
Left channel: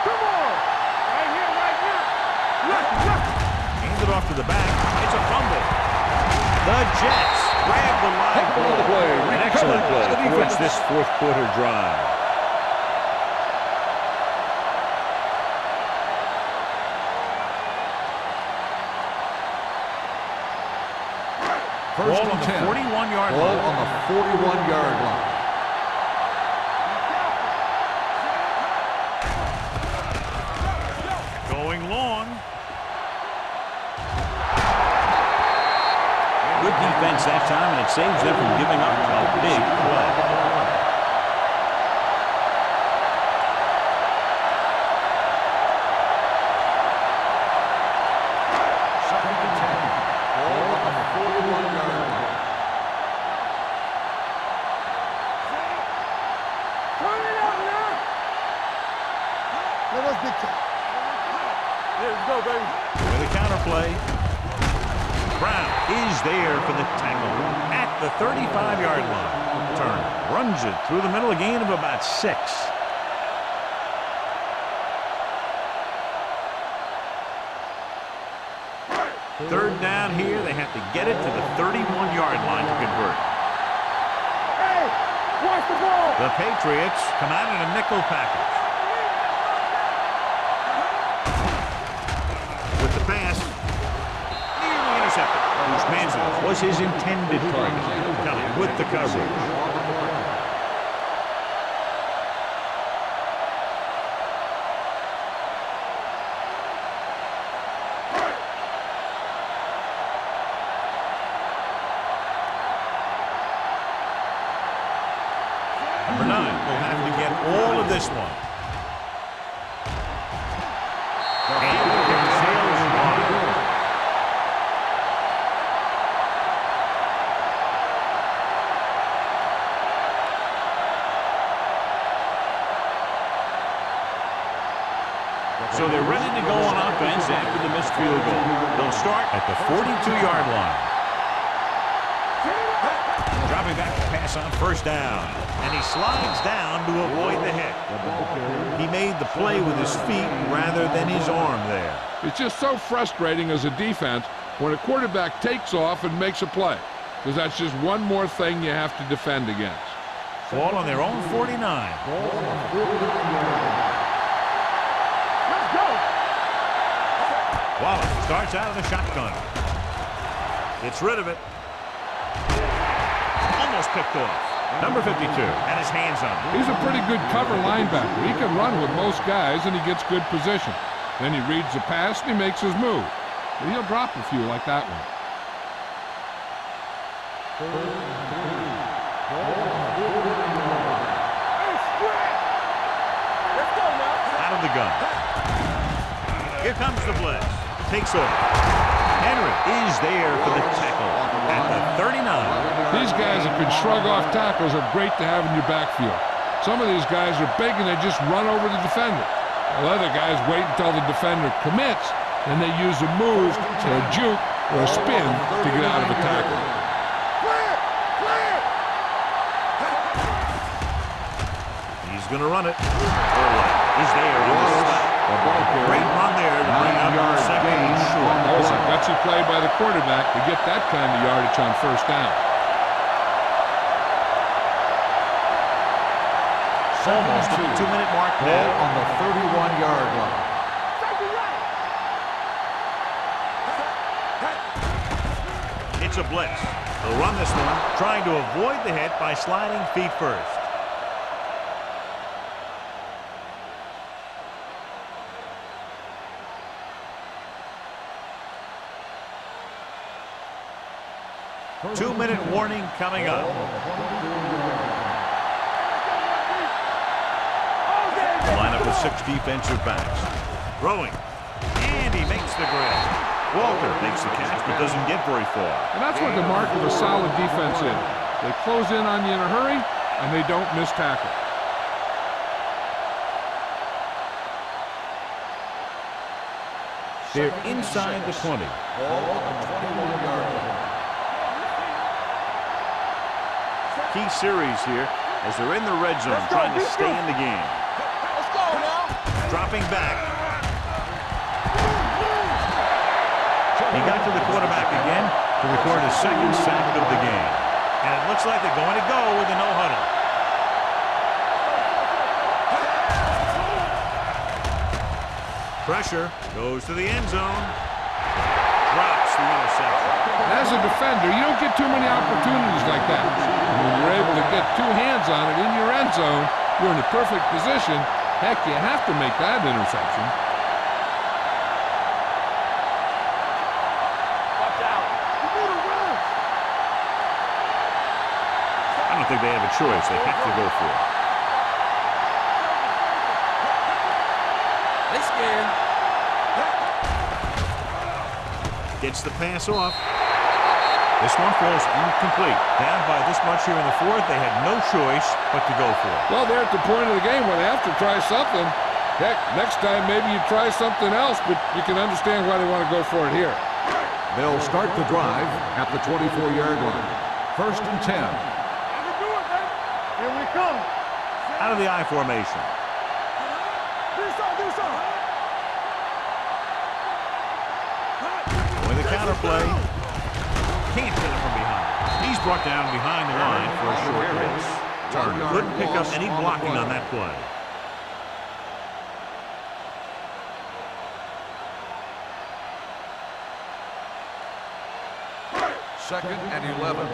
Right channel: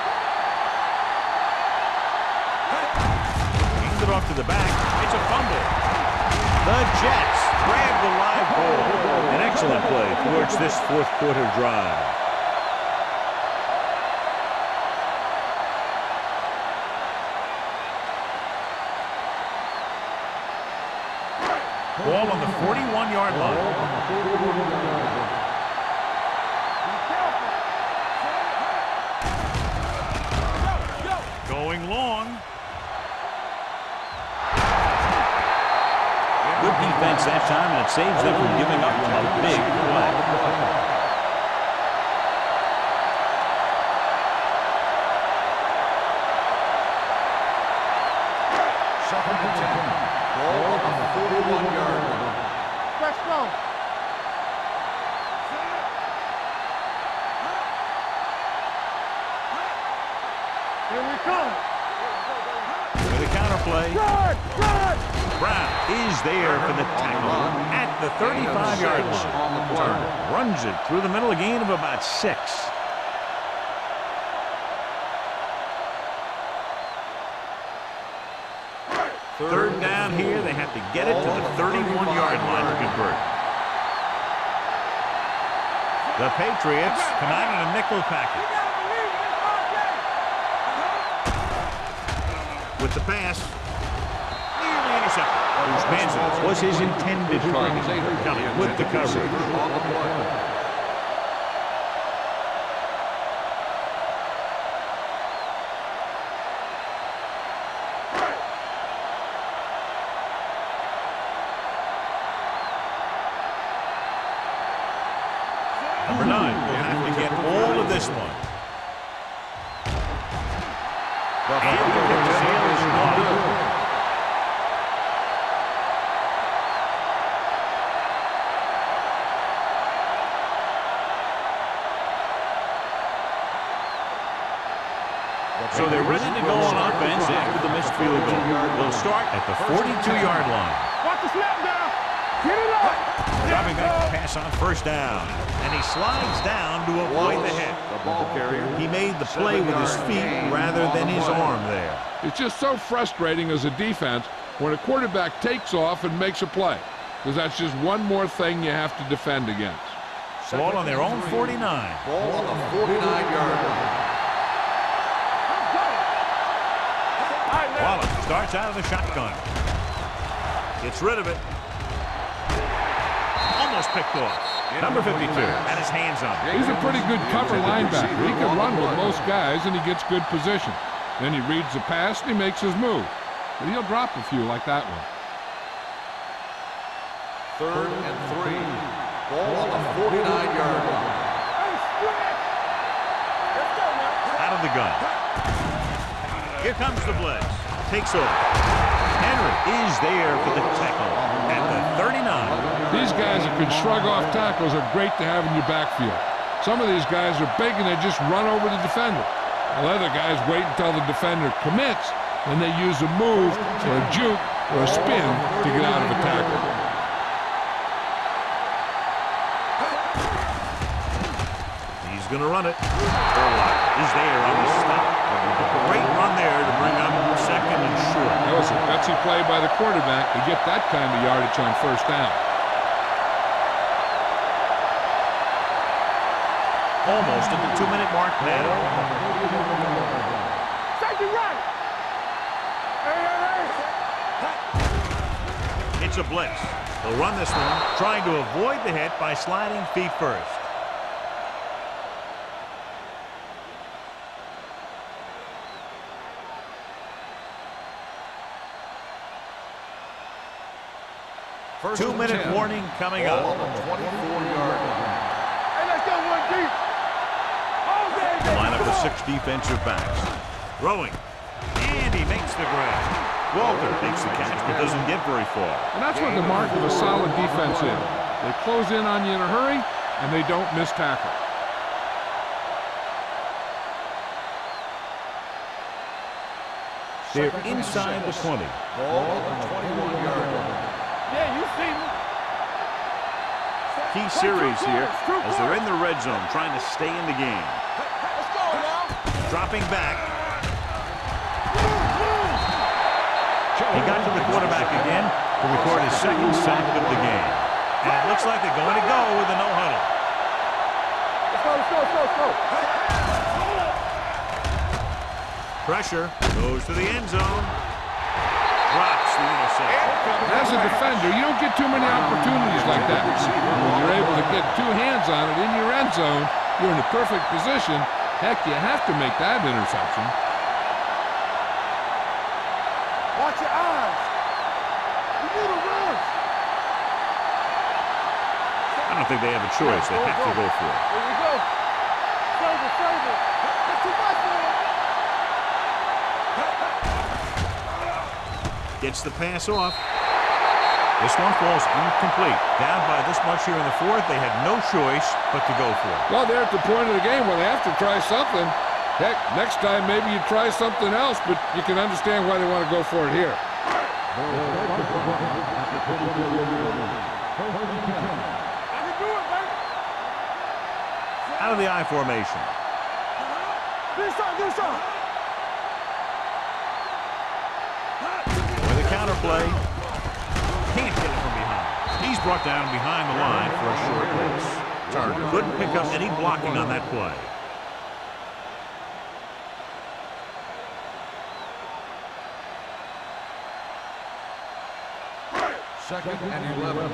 Come on. Hands it off to the back. It's a fumble. The Jets grab the live ball. An excellent play towards this fourth quarter drive. Ball on the 41-yard line. Ball on the 41-yard line. Be careful. Going long. Good defense that time, and it saves them from giving up a big play. Second and 10. Ball on the 41-yard line. Let's go. Turn it on now. Let's go, baby. With a counter play. Brown is there for the tackle at the 35-yard line. Turner runs it through the middle, a gain of about 6. Third down here. They have to get it to the 31-yard line to convert. The Patriots come out in a nickel package. With the pass, nearly intercepted. Manziel was his intended target. Kelly with the coverage. Number 9 will have to get all of this one. And the kick sails wide. So they're ready to go on offense after the missed field goal. They'll start at the 42-yard line. Dropping back to pass on first down. And he slides down to avoid the hit. He made the play with his feet rather than his arm there. It's just so frustrating as a defense when a quarterback takes off and makes a play, because that's just one more thing you have to defend against. Ball on their own 49. Wallace starts out of the shotgun. Gets rid of it. Almost picked off. Number 52 had his hands on it. He's a pretty good cover linebacker. He can run with most guys, and he gets good position. Then he reads the pass, and he makes his move. But he'll drop a few like that one. 3rd and 3. Ball on the 49-yard line. Hey, stretch! Let's go now. Out of the gun. Here comes the blitz. Takes off. Henry is there for the tackle at the 39. These guys that can shrug off tackles are great to have in your backfield. Some of these guys are big and they just run over the defender. While other guys wait until the defender commits, then they use a move or a juke or a spin to get out of a tackle. He's going to run it. Urlacher is there on the stop. A great run there to bring up 2nd and short. That was a gutsy play by the quarterback to get that kind of yardage on first down. Almost at the 2-minute mark now. On the 31-yard line. Safety right. It's a blitz. They'll run this one, trying to avoid the hit by sliding feet first. Two-minute warning coming up. Line up with 6 defensive backs. Throwing. And he makes the grab. Walter makes the catch but doesn't get very far. And that's what the mark of a solid defense is. They close in on you in a hurry, and they don't miss tackle. They're inside the 20. Ball on the 21-yard line. Key series here as they're in the red zone trying to stay in the game. Let's go now. Dropping back. He got to the quarterback again to record his 2nd sack of the game. And it looks like they're going to go with a no huddle. Let's go. Pressure goes to the end zone. Drops the interception. As a defender, you don't get too many opportunities like that. And when you're able to get 2 hands on it in your end zone, you're in a perfect position. Heck, you have to make that interception. Watch your eyes. Watch out. You need a rush. I don't think they have a choice. They have to go for it. Here we go. Save it. They scared. Gets the pass off. This one falls incomplete. Down by this much here in the 4th, they had no choice but to go for it. Well, they're at the point of the game where they have to try something. Heck, next time maybe you try something else, but you can understand why they want to go for it here. They'll start the drive at the 24-yard line. First and 10. I can do it, baby. Here we come. Out of the I formation. Do something, do something. With a counter play. Can't get it from behind. He's brought down behind the line for a short race. Turner couldn't pick up any blocking on that play. Second and 11.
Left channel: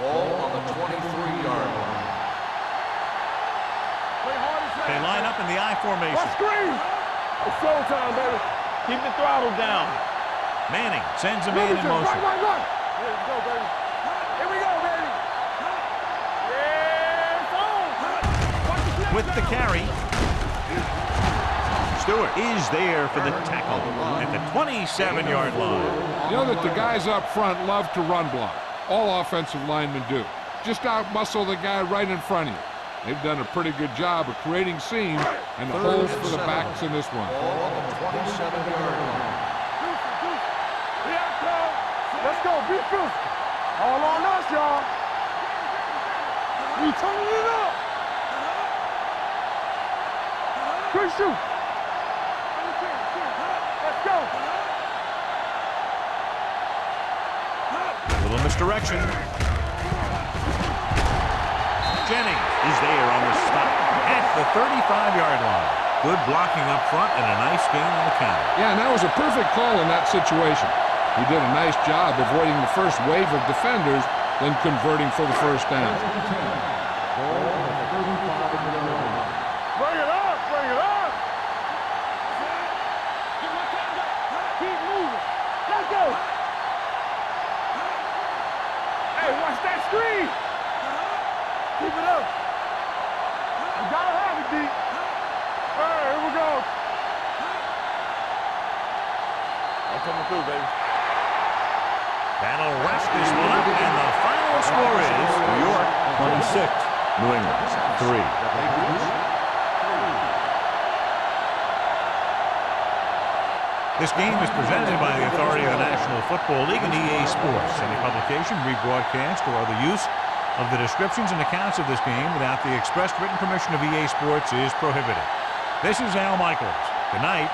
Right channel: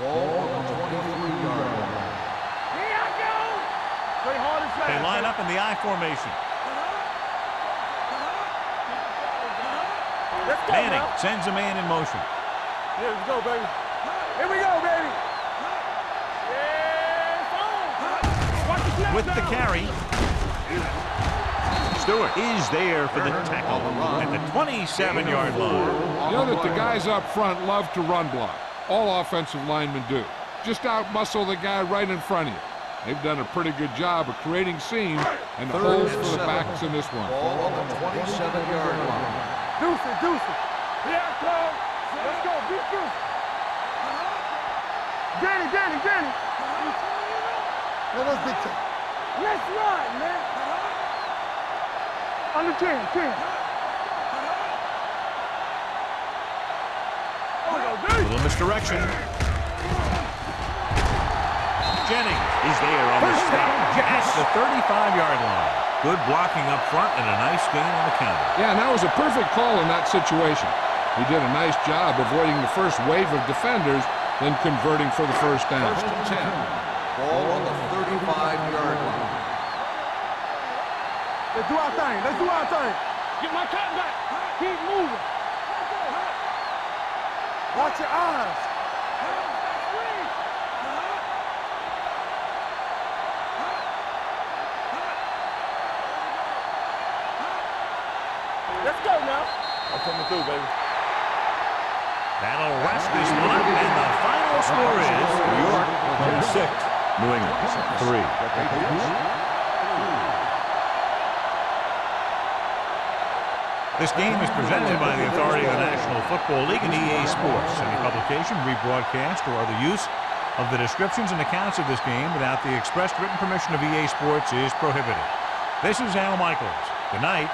Ball on the 23-yard line. Play hard as They line up in the I formation. It's showtime, baby. Keep the throttle down. Manning sends a man in motion. Yeah, let's go, baby. Here we go, baby. Yeah, it's on. Watch the snap With the down. carry. Stewart is there for the tackle at the 27-yard line. You know that the guys up front love to run block. All offensive linemen do. Just out-muscle the guy right in front of you. They've done a pretty good job of creating seams and the holes for the backs in this one. Ball on the 27-yard line. Deuce it, deuce it. Here I come. Let's go, be physical. All on us, y'all. Get it, get it, get it. We turning it up. Let's run, man. Quick shoot. On the 10, 10. Let's go. Little misdirection. Jennings is there on the stop at the 35-yard line. Good blocking up front and a nice gain on the counter. Yeah, and that was a perfect call in that situation. He did a nice job avoiding the first wave of defenders, then converting for the first down. First and 10. Ball on the 35-yard line. Bring it on, bring it on. Let's do our thing, let's do our thing. Get my cat back. Keep moving. Let's go. Watch your eyes. Hey, watch that screen. Keep it up. You gotta have it, D. All right, here we go. Let's go now. I'm coming through, baby. That'll wrap this one up, and the final score is New York 26, New England 3. The Patriots, 3. This game is presented by the authority of the National Football League and EA Sports. Any publication, rebroadcast, or other use of the descriptions and accounts of this game without the expressed written permission of EA Sports is prohibited. This is Al Michaels. Good night.